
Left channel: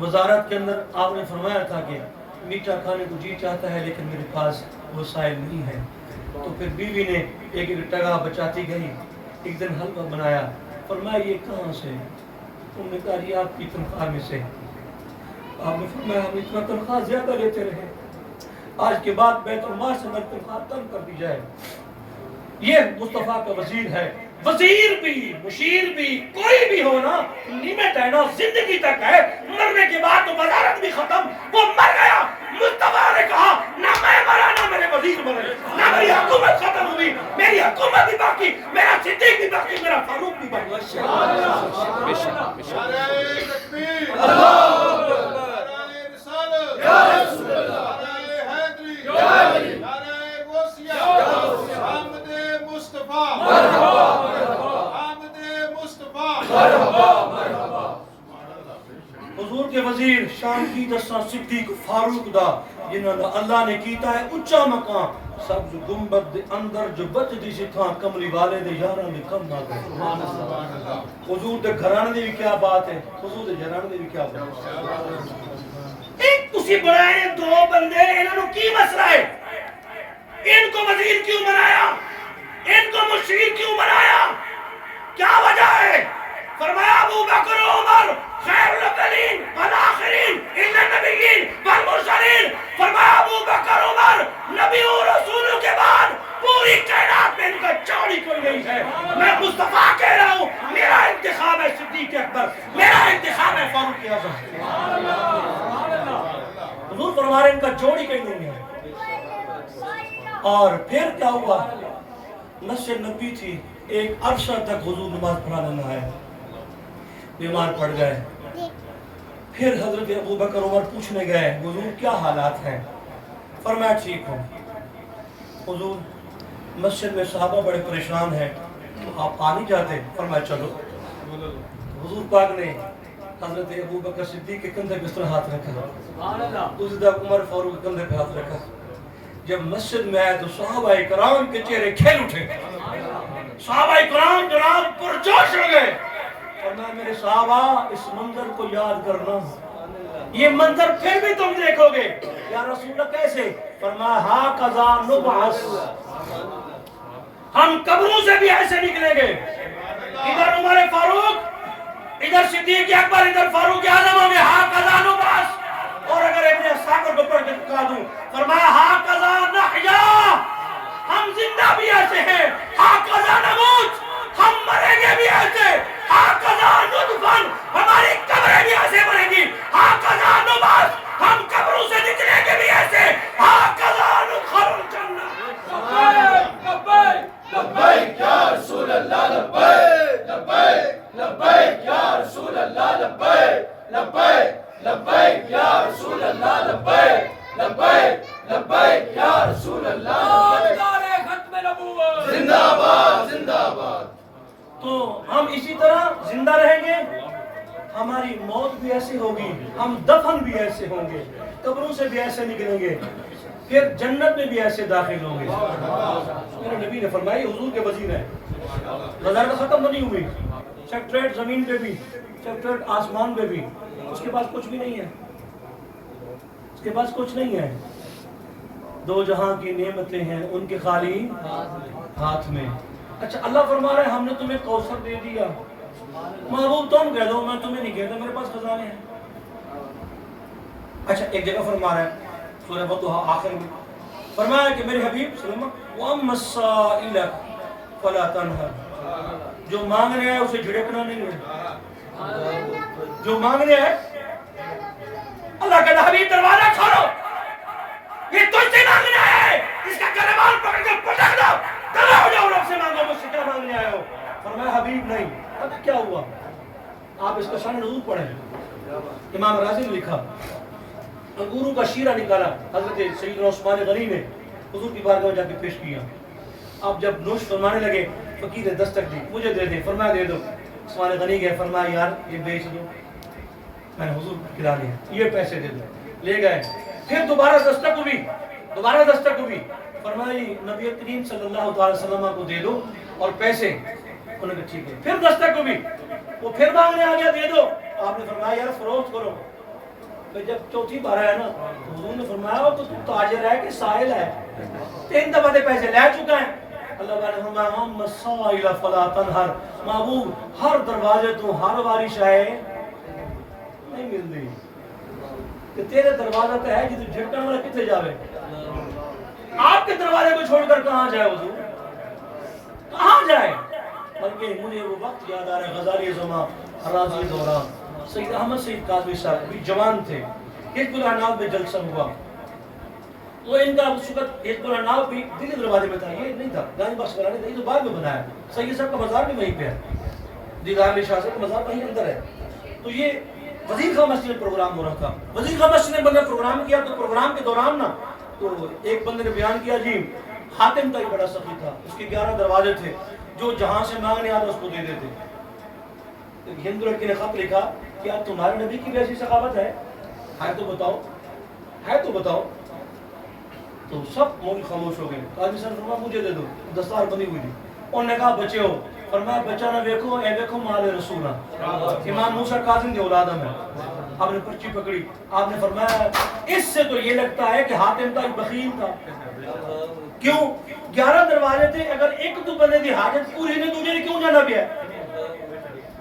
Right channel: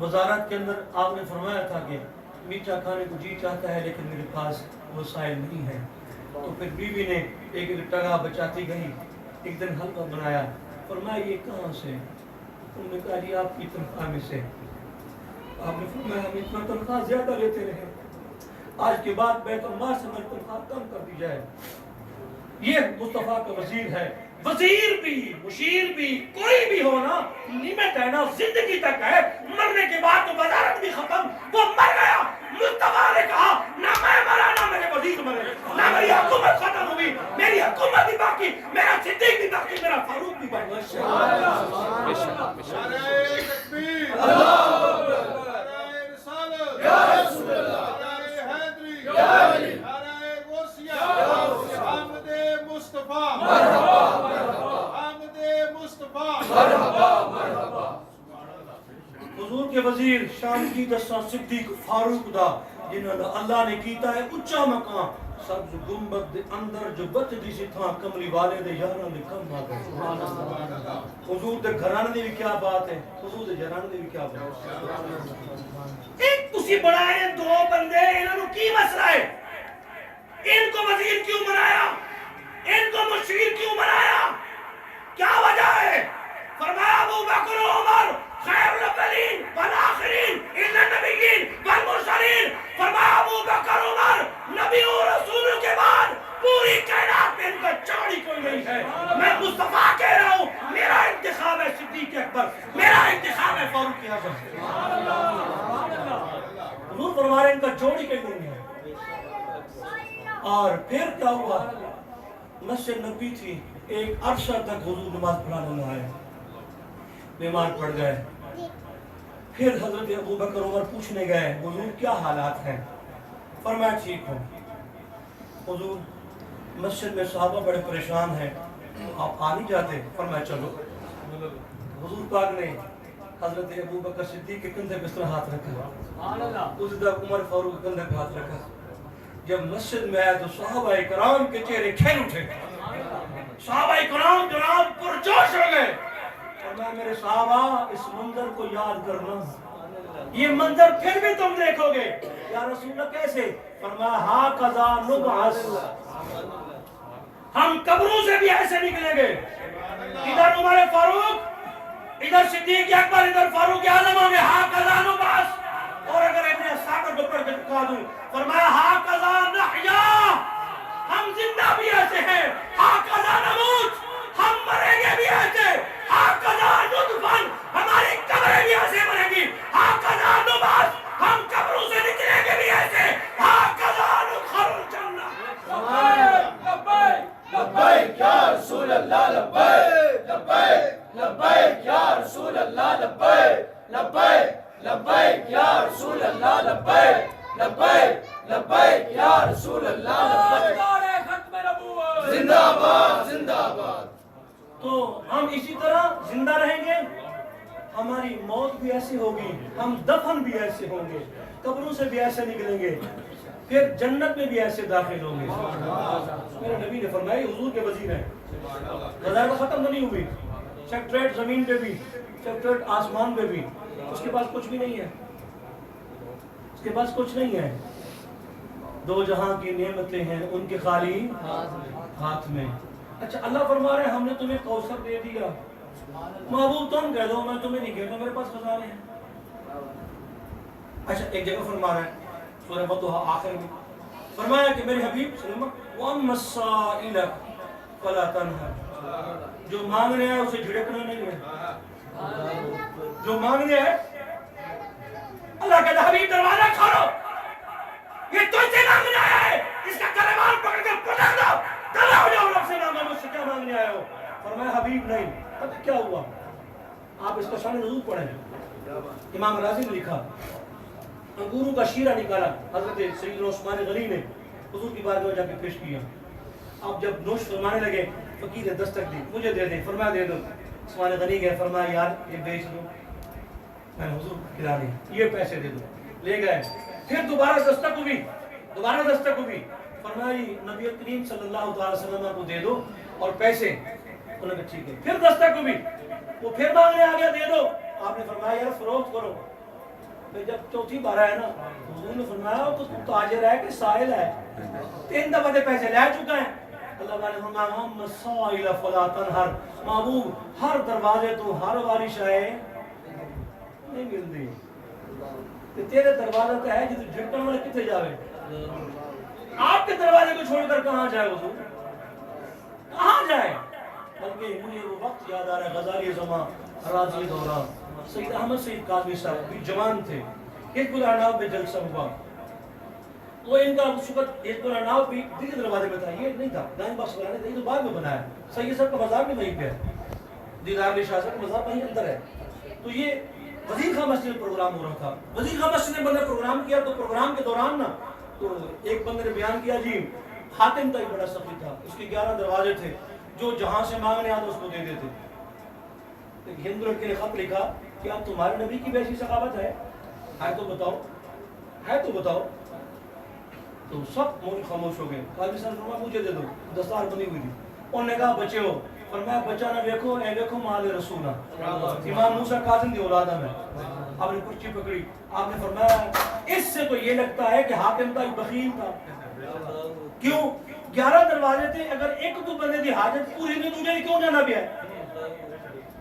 وزارت کے اندر آپ نے فرمایا تھا کہ میٹھا کھانے کو جی چاہتا ہے لیکن میرے پاس وسائل نہیں ہے. تو پھر بیوی نے ایک ایک ٹگا بچاتی گئی. ایک دن حلوہ بنایا. فرمایا یہ کہاں سے؟ انہوں نے کہا یہ آپ کی تنخواہ میں سے. آپ نے فرمایا ہم اتنا تنخواہ زیادہ لیتے رہے، آج کے بعد بیت المال سے میری تنخواہ کم کر دی جائے. یہ مصطفیٰ کا وزیر ہے. وزیر بھی مشیر بھی کوئی بھی ہونا لمٹ ہے نا، زندگی تک ہے، مرنے کے بعد تو وزارت بھی ختم. وہ مر گیا، مصطفیٰ نے کہا نہ میں مرا نہ میرے وزیر مرے، نہ میری حکومت ختم ہوئی، میری حکومت بھی باقی، میرا صدیق بھی باقی، میرا فاروق بھی باقی. بے شک نعرہ تکبیر، نعرہ رسالت، نعرہ حیدری، نعرہ غوثیہ، حمد مصطفیٰ، حمد مصطفیٰ. حضور کے وزیر شان کی دساں صدیق فاروق دا جنہوں نے اللہ نے کیتا ہے اچا مقام. سبز گنبد دے اندر جو بچ دی سی تھاں کملی والے دے یاراں دے کم آ گئے. حضور دے گھرانے دی بھی کیا بات ہے، حضور دے گھرانے دی بھی کیا بات ہے. ایک تسی بنائے دو بندے، انہاں نوں کی مسئلہ ہے؟ ان کو وزیر کیوں بنایا؟ ان کو مشیر کیوں بنایا؟ کیا وجہ ہے؟ فرمایا ابو بکر و عمر خیر الاولین والآخرین ان النبیین والمرسلین. فرمایا ابو بکر عمر نبی و رسولوں کے بعد پوری کائنات میں ان کا چوڑی کوئی نہیں ہے. میں مصطفیٰ کہہ رہا ہوں میرا انتخاب ہے صدیق اکبر, میرا انتخاب ہے فاروق اعظم. حضور فرما رہے ہیں ان کا جوڑی کہیں نہیں ہے. اور پھر کیا ہوا؟ مسجد نبی تھی, ایک عرصہ تک حضور نماز پڑھانے نہ آئے, بیمار پڑ گئے. پھر حضرت ابو بکر عمر پوچھنے گئے حضور کیا حالات ہیں؟ فرمایا ٹھیک ہوں. حضور مسجد میں صحابہ بڑے پریشان ہیں, آپ آ نہیں جاتے؟ فرمایا چلو. حضور پاک نے حضرت ابو بکر صدیق کے کندھے پہ اس طرح ہاتھ رکھا, دوسری طرف عمر فاروق کے کندھے پہ ہاتھ رکھا. جب مسجد میں آئے تو صحابہ کرام کے چہرے کھل اٹھے, صحابہ کرام جناب پرجوش ہو گئے. فرمایا میرے صحابہ اس منظر کو یاد کرنا, یہ منظر پھر بھی تم دیکھو گے. یا رسول اللہ کیسے؟ فرمایا ہاکذا نبعث, ہم قبروں سے بھی ایسے نکلیں گے. ادھر عمر فاروق, ادھر صدیق اکبر, ادھر فاروق اعظم ہوں گے. ہاکذا نبعث. اور اگر ابن ساکر کو پڑھ کے دکھا دوں, فرمایا ہاکذا نحیا, ہم زندہ بھی ایسے ہیں. ہاکذا نموت, ہم مریں گے بھی ایسے. ہاکذا ندفن, ہماری قبریں بھی ایسے مریں گی. ہاکذا نبعث, ہم قبروں سے نکلیں گے بھی ایسے. ہاکذا ندخل الجنہ. لبیک لبیک یا رسول اللہ, لبیک لبیک لبیک یا رسول اللہ, لبیک لبیک لبیک یا رسول اللہ, لبیک لبیک لبیک یا رسول اللہ. تاجدار ختم نبوت زندہ باد, زندہ باد. تو ہم اسی طرح زندہ رہیں گے, ہماری موت بھی ایسی ہوگی, ہم دفن بھی ایسے ہوں گے, قبروں سے بھی ایسے نکلیں گے, پھر جنت میں بھی ایسے داخل ہوں گے. میرے نبی نے فرمایا حضور کے وزیر ہیں, وزارت ختم نہیں ہوئی, سیکٹریٹ زمین پہ بھی, سیکٹریٹ آسمان پہ بھی, اس کے پاس کچھ بھی نہیں ہے, اس کے پاس کچھ نہیں ہے. دو جہاں کی نعمتیں ہیں ان کے خالی ہاتھ میں. اچھا اللہ فرما رہے ہیں ہم نے تمہیں کوثر دے دیا, محبوب تم کہہ دو, میں تمہیں نہیں کہتا, میرے پاس خزانے ہیں. اچھا ایک جگہ فرما رہے ہیں سورہ بطحہ آخر میں فرمایا کہ میرے حبیب صلی اللہ علیہ وسلم وَأَمَّا السَّائِلَ فَلَا تَنْهَرْ, جو مانگنے آئے اسے جھڑکنا نہیں ہے. جو مانگنے آئے, اللہ کہتا حبیب دروازہ کھولو, یہ تجھ سے مانگنے آیا ہے, اس کا گریبان پکڑ کے پٹک دو, کھڑا ہو جاؤ, رب سے مانگو, مجھ سے کیا مانگنے آئے ہو؟ فرمایا حبیب نہیں. پتہ کیا ہوا؟ آپ اس کا شان نزول پڑھیں, امام رازی نے لکھا انگوروں کا شیرہ نکالا حضرت سیدنا عثمان غنی نے حضور کی بارگاہ میں جا کے پیش کیا. آپ جب نوش فرمانے لگے فقیر نے دستک دی, مجھے دے دے. فرمایا دے دو. عثمان غنی گئے, فرمایا یار یہ بیچ دو, میں نے حضور کو کھلا دیا, یہ پیسے دے دو. لے گئے, پھر دوبارہ دستک ہوئی, دوبارہ دستک ہوئی. فرمایا نبی کریم صلی اللہ علیہ وسلم کو دے دو اور پیسے. انہوں نے کہا ٹھیک ہے. پھر دستک ہوئی, وہ پھر مانگنے آ گیا, دے دو. آپ نے فرمایا یار فروخت کرو. جب چوتھی بار آیا نا, حضور نے فرمایا تو تاجر ہے کہ سائل ہے, 3 دفعہ دے پیسے لے چکا ہے. اللہ تعالیٰ نے فرمایا ہم مسائل فلا تنہر, محبوب ہر دروازے تو ہر بارش آئے نہیں ملتی, کہ تیرے دروازہ تو ہے جی, جھٹکن والا کتنے جاوے, آپ کے دروازے کو چھوڑ کر کہاں جائے حضور, کہاں جائے. بلکہ مجھے وہ وقت یاد آ رہا ہے غزالی زمان حراضی دوران, سید احمد سید قاضوی صاحب بھی جوان تھے, حزب العناب میں جلسہ ہوا, وہ ان کا اس وقت حزب العناب بھی دلی دروازے میں تھا, یہ نہیں تھا گاندھی باغ بنانے تھا, یہ تو بعد میں بنایا. سید صاحب کا مزار بھی وہیں پہ ہے, دیدار علی شاہ صاحب کا مزار وہیں اندر ہے. تو یہ وزیر خواہ مسجد میں پروگرام ہو رہا تھا, وزیر خواہ مسجد نے بندہ پروگرام کیا, تو پروگرام کے دوران نا تو ایک بندے نے بیان کیا جی حاتم کا ایک بڑا سخی تھا, اس کے 11 دروازے تھے, جو جہاں سے مانگنے آتا اس کو دے دیتے. ایک ہندو لڑکے نے خط لکھا کہ اب تمہارے نبی کی بھی ایسی سخاوت ہے تو بتاؤ, ہے تو بتاؤ. تو سب مول خاموش ہو گئے. قاضی صاحب نے فرمایا مجھے دے دو, دستار بندی ہوئی تھی. انہوں نے کہا بچے ہو, فرمایا بچہ نہ دیکھو, اے دیکھو مال رسول. امام موسیٰ کاظم دی اولاد میں. آپ نے پرچی پکڑی, آپ نے فرمایا اس سے تو یہ لگتا ہے کہ حاتم کا ایک بخیل تھا. کیوں؟ 11 دروازے تھے, اگر ایک تو بندے دی حاجت پوری نہیں, دوسرے نے کیوں جانا بھی ہے؟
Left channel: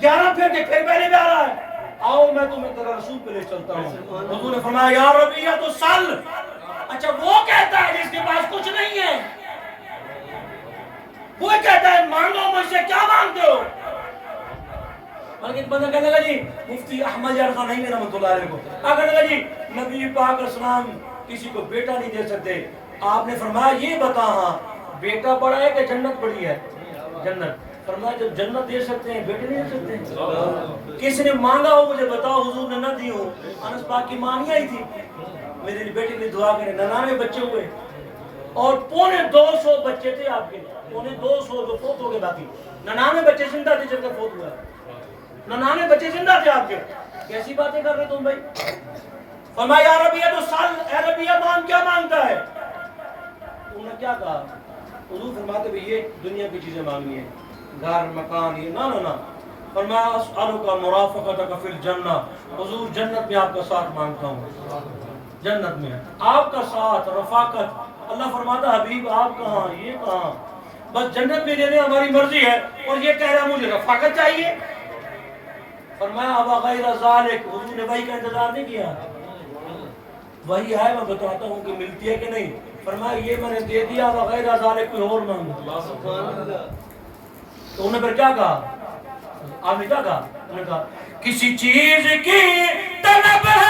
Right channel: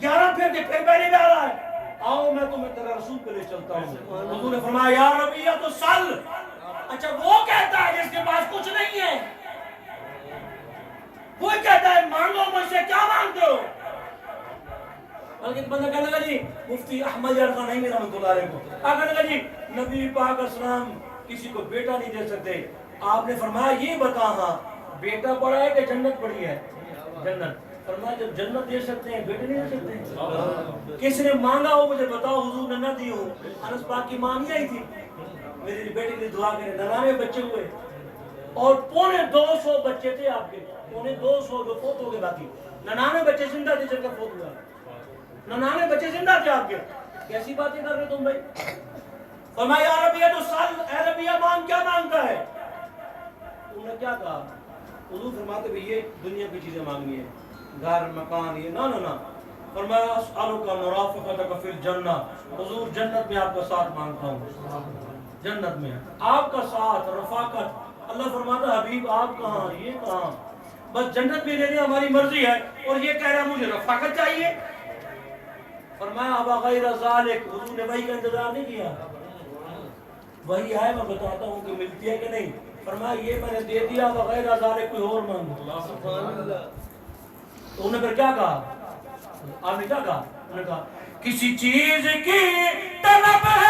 11 پھر کے پھر پہلے بھی آ رہا ہے. آؤ میں تمہیں تیرا رسول پہ لے چلتا ہوں. حضور نے فرمایا یا ربیہ تو سل. اچھا وہ کہتا ہے جس کے پاس کچھ نہیں ہے, وہ کہتا ہے مانگو مجھ سے, کیا مانگتے ہو؟ بلکہ بندہ کہنے لگا جی مفتی احمد یار خان نہیں رحمۃ اللہ علیہ کو کہنے لگا جی نبی پاک اسلام کسی کو بیٹا نہیں دے سکتے. آپ نے فرمایا یہ بتا ہاں بیٹا بڑا ہے کہ جنت بڑی ہے؟ جنت. فرمایا جب جنت دے سکتے ہیں بیٹے نہیں دے سکتے؟ کس نے مانگا ہو مجھے بتاؤ, حضور نے نہ دی ہو. انس پاک کی ماں نہیں آئی تھی میرے بیٹے کے لیے دعا کریں, 99 بچے ہوئے اور 250 بچے تھے آپ کے, 250 جو فوت ہو گئے, باقی 99 بچے زندہ تھے جن کا فوت ہوا. 99 بچے زندہ تھے آپ کے. کیسی باتیں کر رہے تم بھائی؟ فرمایا یا ربیہ تو سال, اے ربیہ مان کیا مانگتا ہے؟ انہوں نے کیا کہا؟ حضور فرماتے بھی یہ دنیا کی چیزیں مانگی ہیں, گھر مکان یہ نہ نہ. فرمایا اسألک مرافقتک فی الجنہ, حضور جنت میں آپ کا ساتھ مانگتا ہوں, جنت میں آپ کا ساتھ رفاقت. اللہ فرماتا حبیب آپ کہاں یہ کہاں, بس جنت میں دینے ہماری مرضی ہے, اور یہ کہہ رہا مجھے رفاقت چاہیے. فرمایا ابا غیر ذالک, حضور نے وحی کا انتظار نہیں کیا, وہی آئے میں بتاتا ہوں کہ ملتی ہے کہ نہیں. فرمایا یہ میں نے دے دیا, ابا غیر ذالک کوئی اور مانگو. تو انہوں نے پھر کیا کہا؟ آپ نے کیا کہا؟ انہوں نے کہا کسی چیز کی طلب ہے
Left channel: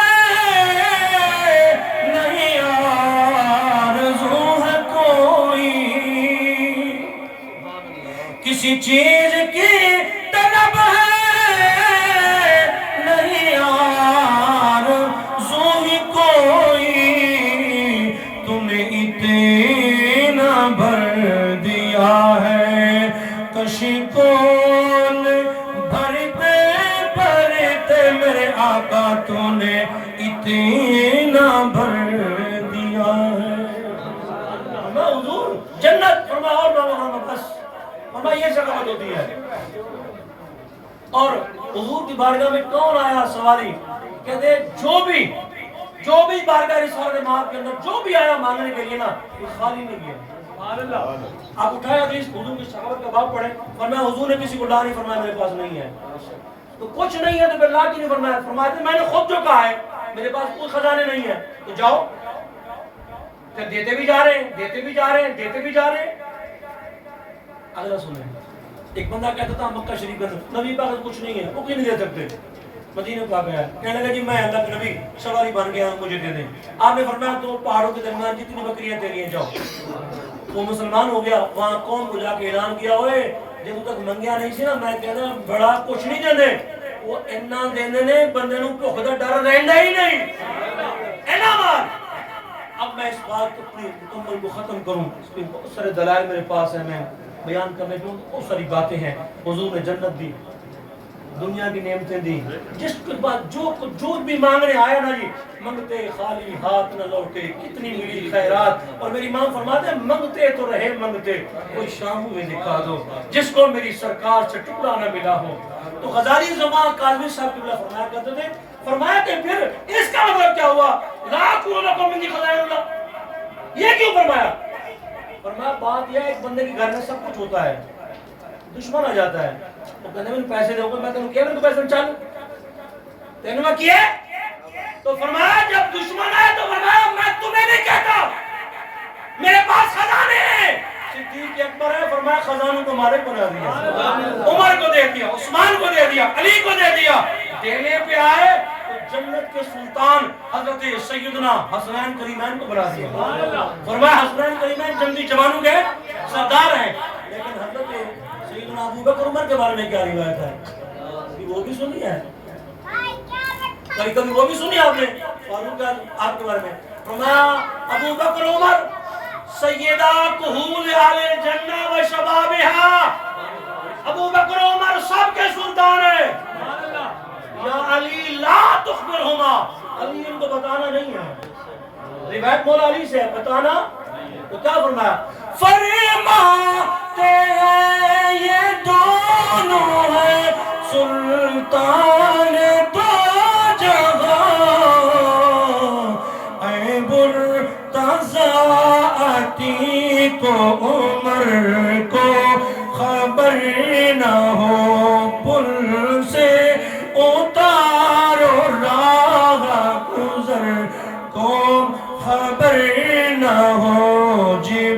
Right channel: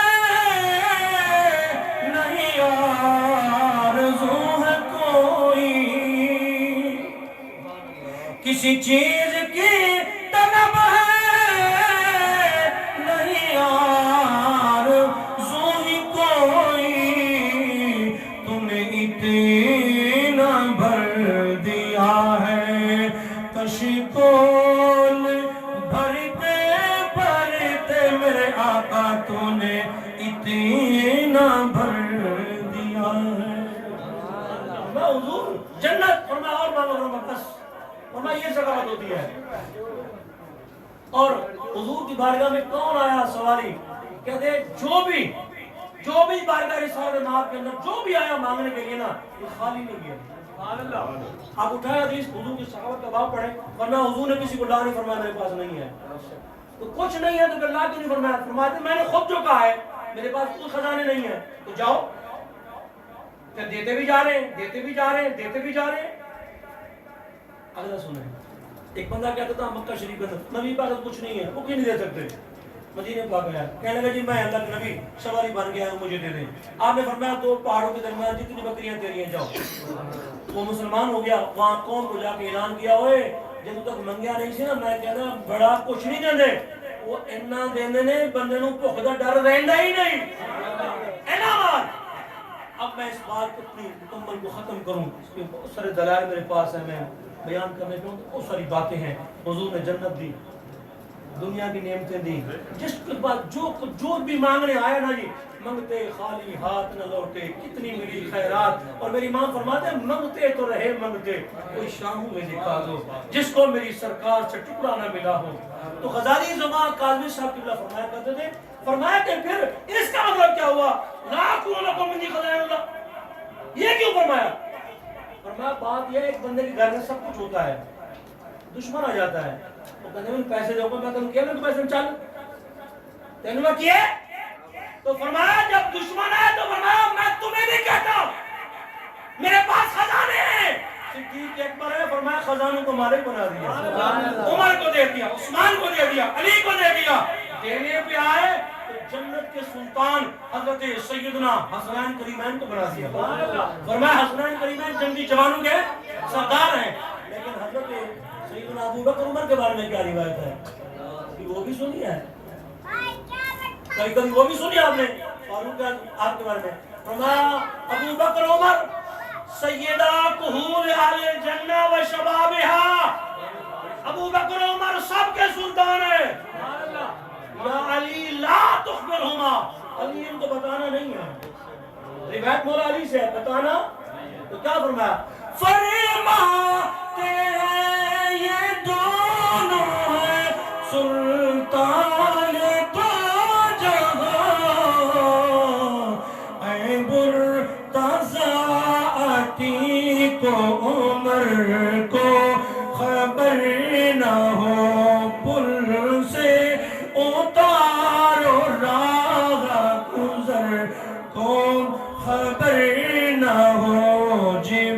نہیں آرزو ہے کوئی, کسی چیز کی طلب ہے نہیں آرزو ہی کوئی, تم نے اتنا بھر دیا ہے کشکول بھرتے بھرتے میرے آقا تو نے اتنا بھر دیا ہے. فرمایا حضور جنت, فرمایا اور مانگو, بس فرمایا یہ ثقافت ہوتی ہے. اور حضور کی بارگاہ میں کون آیا سواری؟ کہتے ہیں جو بھی بارگاہ رسالت مآب کے اندر جو بھی آیا مانگنے کے لیے نا, وہ خالی نہیں گیا. آپ اٹھائے حدیث حضور کی صحابت کا باب پڑھیں, فرمایا حضور نے کسی کو لا نہیں فرمایا میرے پاس نہیں ہے. تو کچھ نہیں ہے تو پھر لا کی نہیں فرمایا, فرمایا میں نے خود جو کہا ہے میرے پاس کوئی خزانے نہیں ہے, تو جاؤ. پھر دیتے بھی جا رہے ہیں, دیتے بھی جا رہے ہیں, دیتے بھی جا رہے ہیں. اگلا سنیں, ایک بندہ کہتا تھا مکہ شریف کے اندر نبی پاک کچھ نہیں ہے, وہ کیوں نہیں دے سکتے؟ مدینہ پاک گیا, کہنے لگا جی میں اللہ کے نبی سواری بن گیا ہوں, مجھے دے دیں. آپ نے فرمایا تو پہاڑوں کے درمیان جتنی بکریاں تیری ہیں جاؤ. وہ مسلمان ہو گیا, وہاں قوم کو جا کے اعلان کیا, ہوئے جب تک منگیا نہیں سی نا میں کہنا بڑا کچھ نہیں دے دے, وہ اتنا دینے نے بندے نوں بھوک دا ڈر رہندا ہی نہیں. اعلان. اب میں اس بات اپنی مکمل کو ختم کروں, اس میں بہت سارے دلائل میرے پاس ہیں, میں بیان کرنے کے بہت ساری باتیں ہیں. حضور نے جنت دی, دنیا کی نعمتیں دی, جس کے بعد جو بھی مانگنے آیا نا جی, منگتے خالی ہاتھ نہ لوٹے, کتنی ملی خیرات. اور میری ماں فرماتے ہیں منگتے تو رہے منگتے, کوئی شام ہوئے دکھا دو جس کو میری سرکار سے ٹکڑا نہ ملا ہو. تو غزالی زمان کاظمی صاحب قبلہ فرمایا کرتے تھے, فرمایا کہ پھر اس کا مطلب کیا ہوا, لا اقول لکم انی خزائن اللہ, یہ کیوں فرمایا؟ فرمایا بات یہ ہے ایک بندے کے گھر میں سب کچھ ہوتا ہے, دشمن آ جاتا ہے, وہ کہتے ہیں پیسے دو گے, میں تمہیں کیا میں تو پیسے چل تینوں میں کیا. تو فرمایا جب دشمن آئے تو فرمایا میں تمہیں نہیں کہتا میرے پاس خزانے ہیں. صدیق اکبر ہے, فرمایا خزانوں کو مالک بنا دیا, عمر کو دے دیا, عثمان کو دے دیا, علی کو دے دیا. دینے پہ آئے تو جنت کے سلطان حضرت سیدنا حسنین کریمین کو بنا دیا. فرمایا حسنین کریمین جنگی جوانوں کے سردار ہیں, لیکن حضرت سیدنا ابو بکر عمر کے بارے میں کیا روایت ہے کہ وہ بھی سنی ہے, کبھی وہ بھی سنی آپ نے فاروق آپ کے بارے میں. فرمایا ابو بکر عمر سیدہ کہول اہل الجنہ و شبابہا, ابو بکر عمر سب کے سلطان ہیں. یا علی لا تخبرہما, علی ان کو بتانا نہیں ہے, روایت مولا علی سے ہے, بتانا. تو کیا فرمایا, فرماتے ہیں یہ دونوں ہیں سلطان دو جہاں, اے مرتضی عتیق کو عمر کو خبر نہ ہو, پل سے اتار مجھے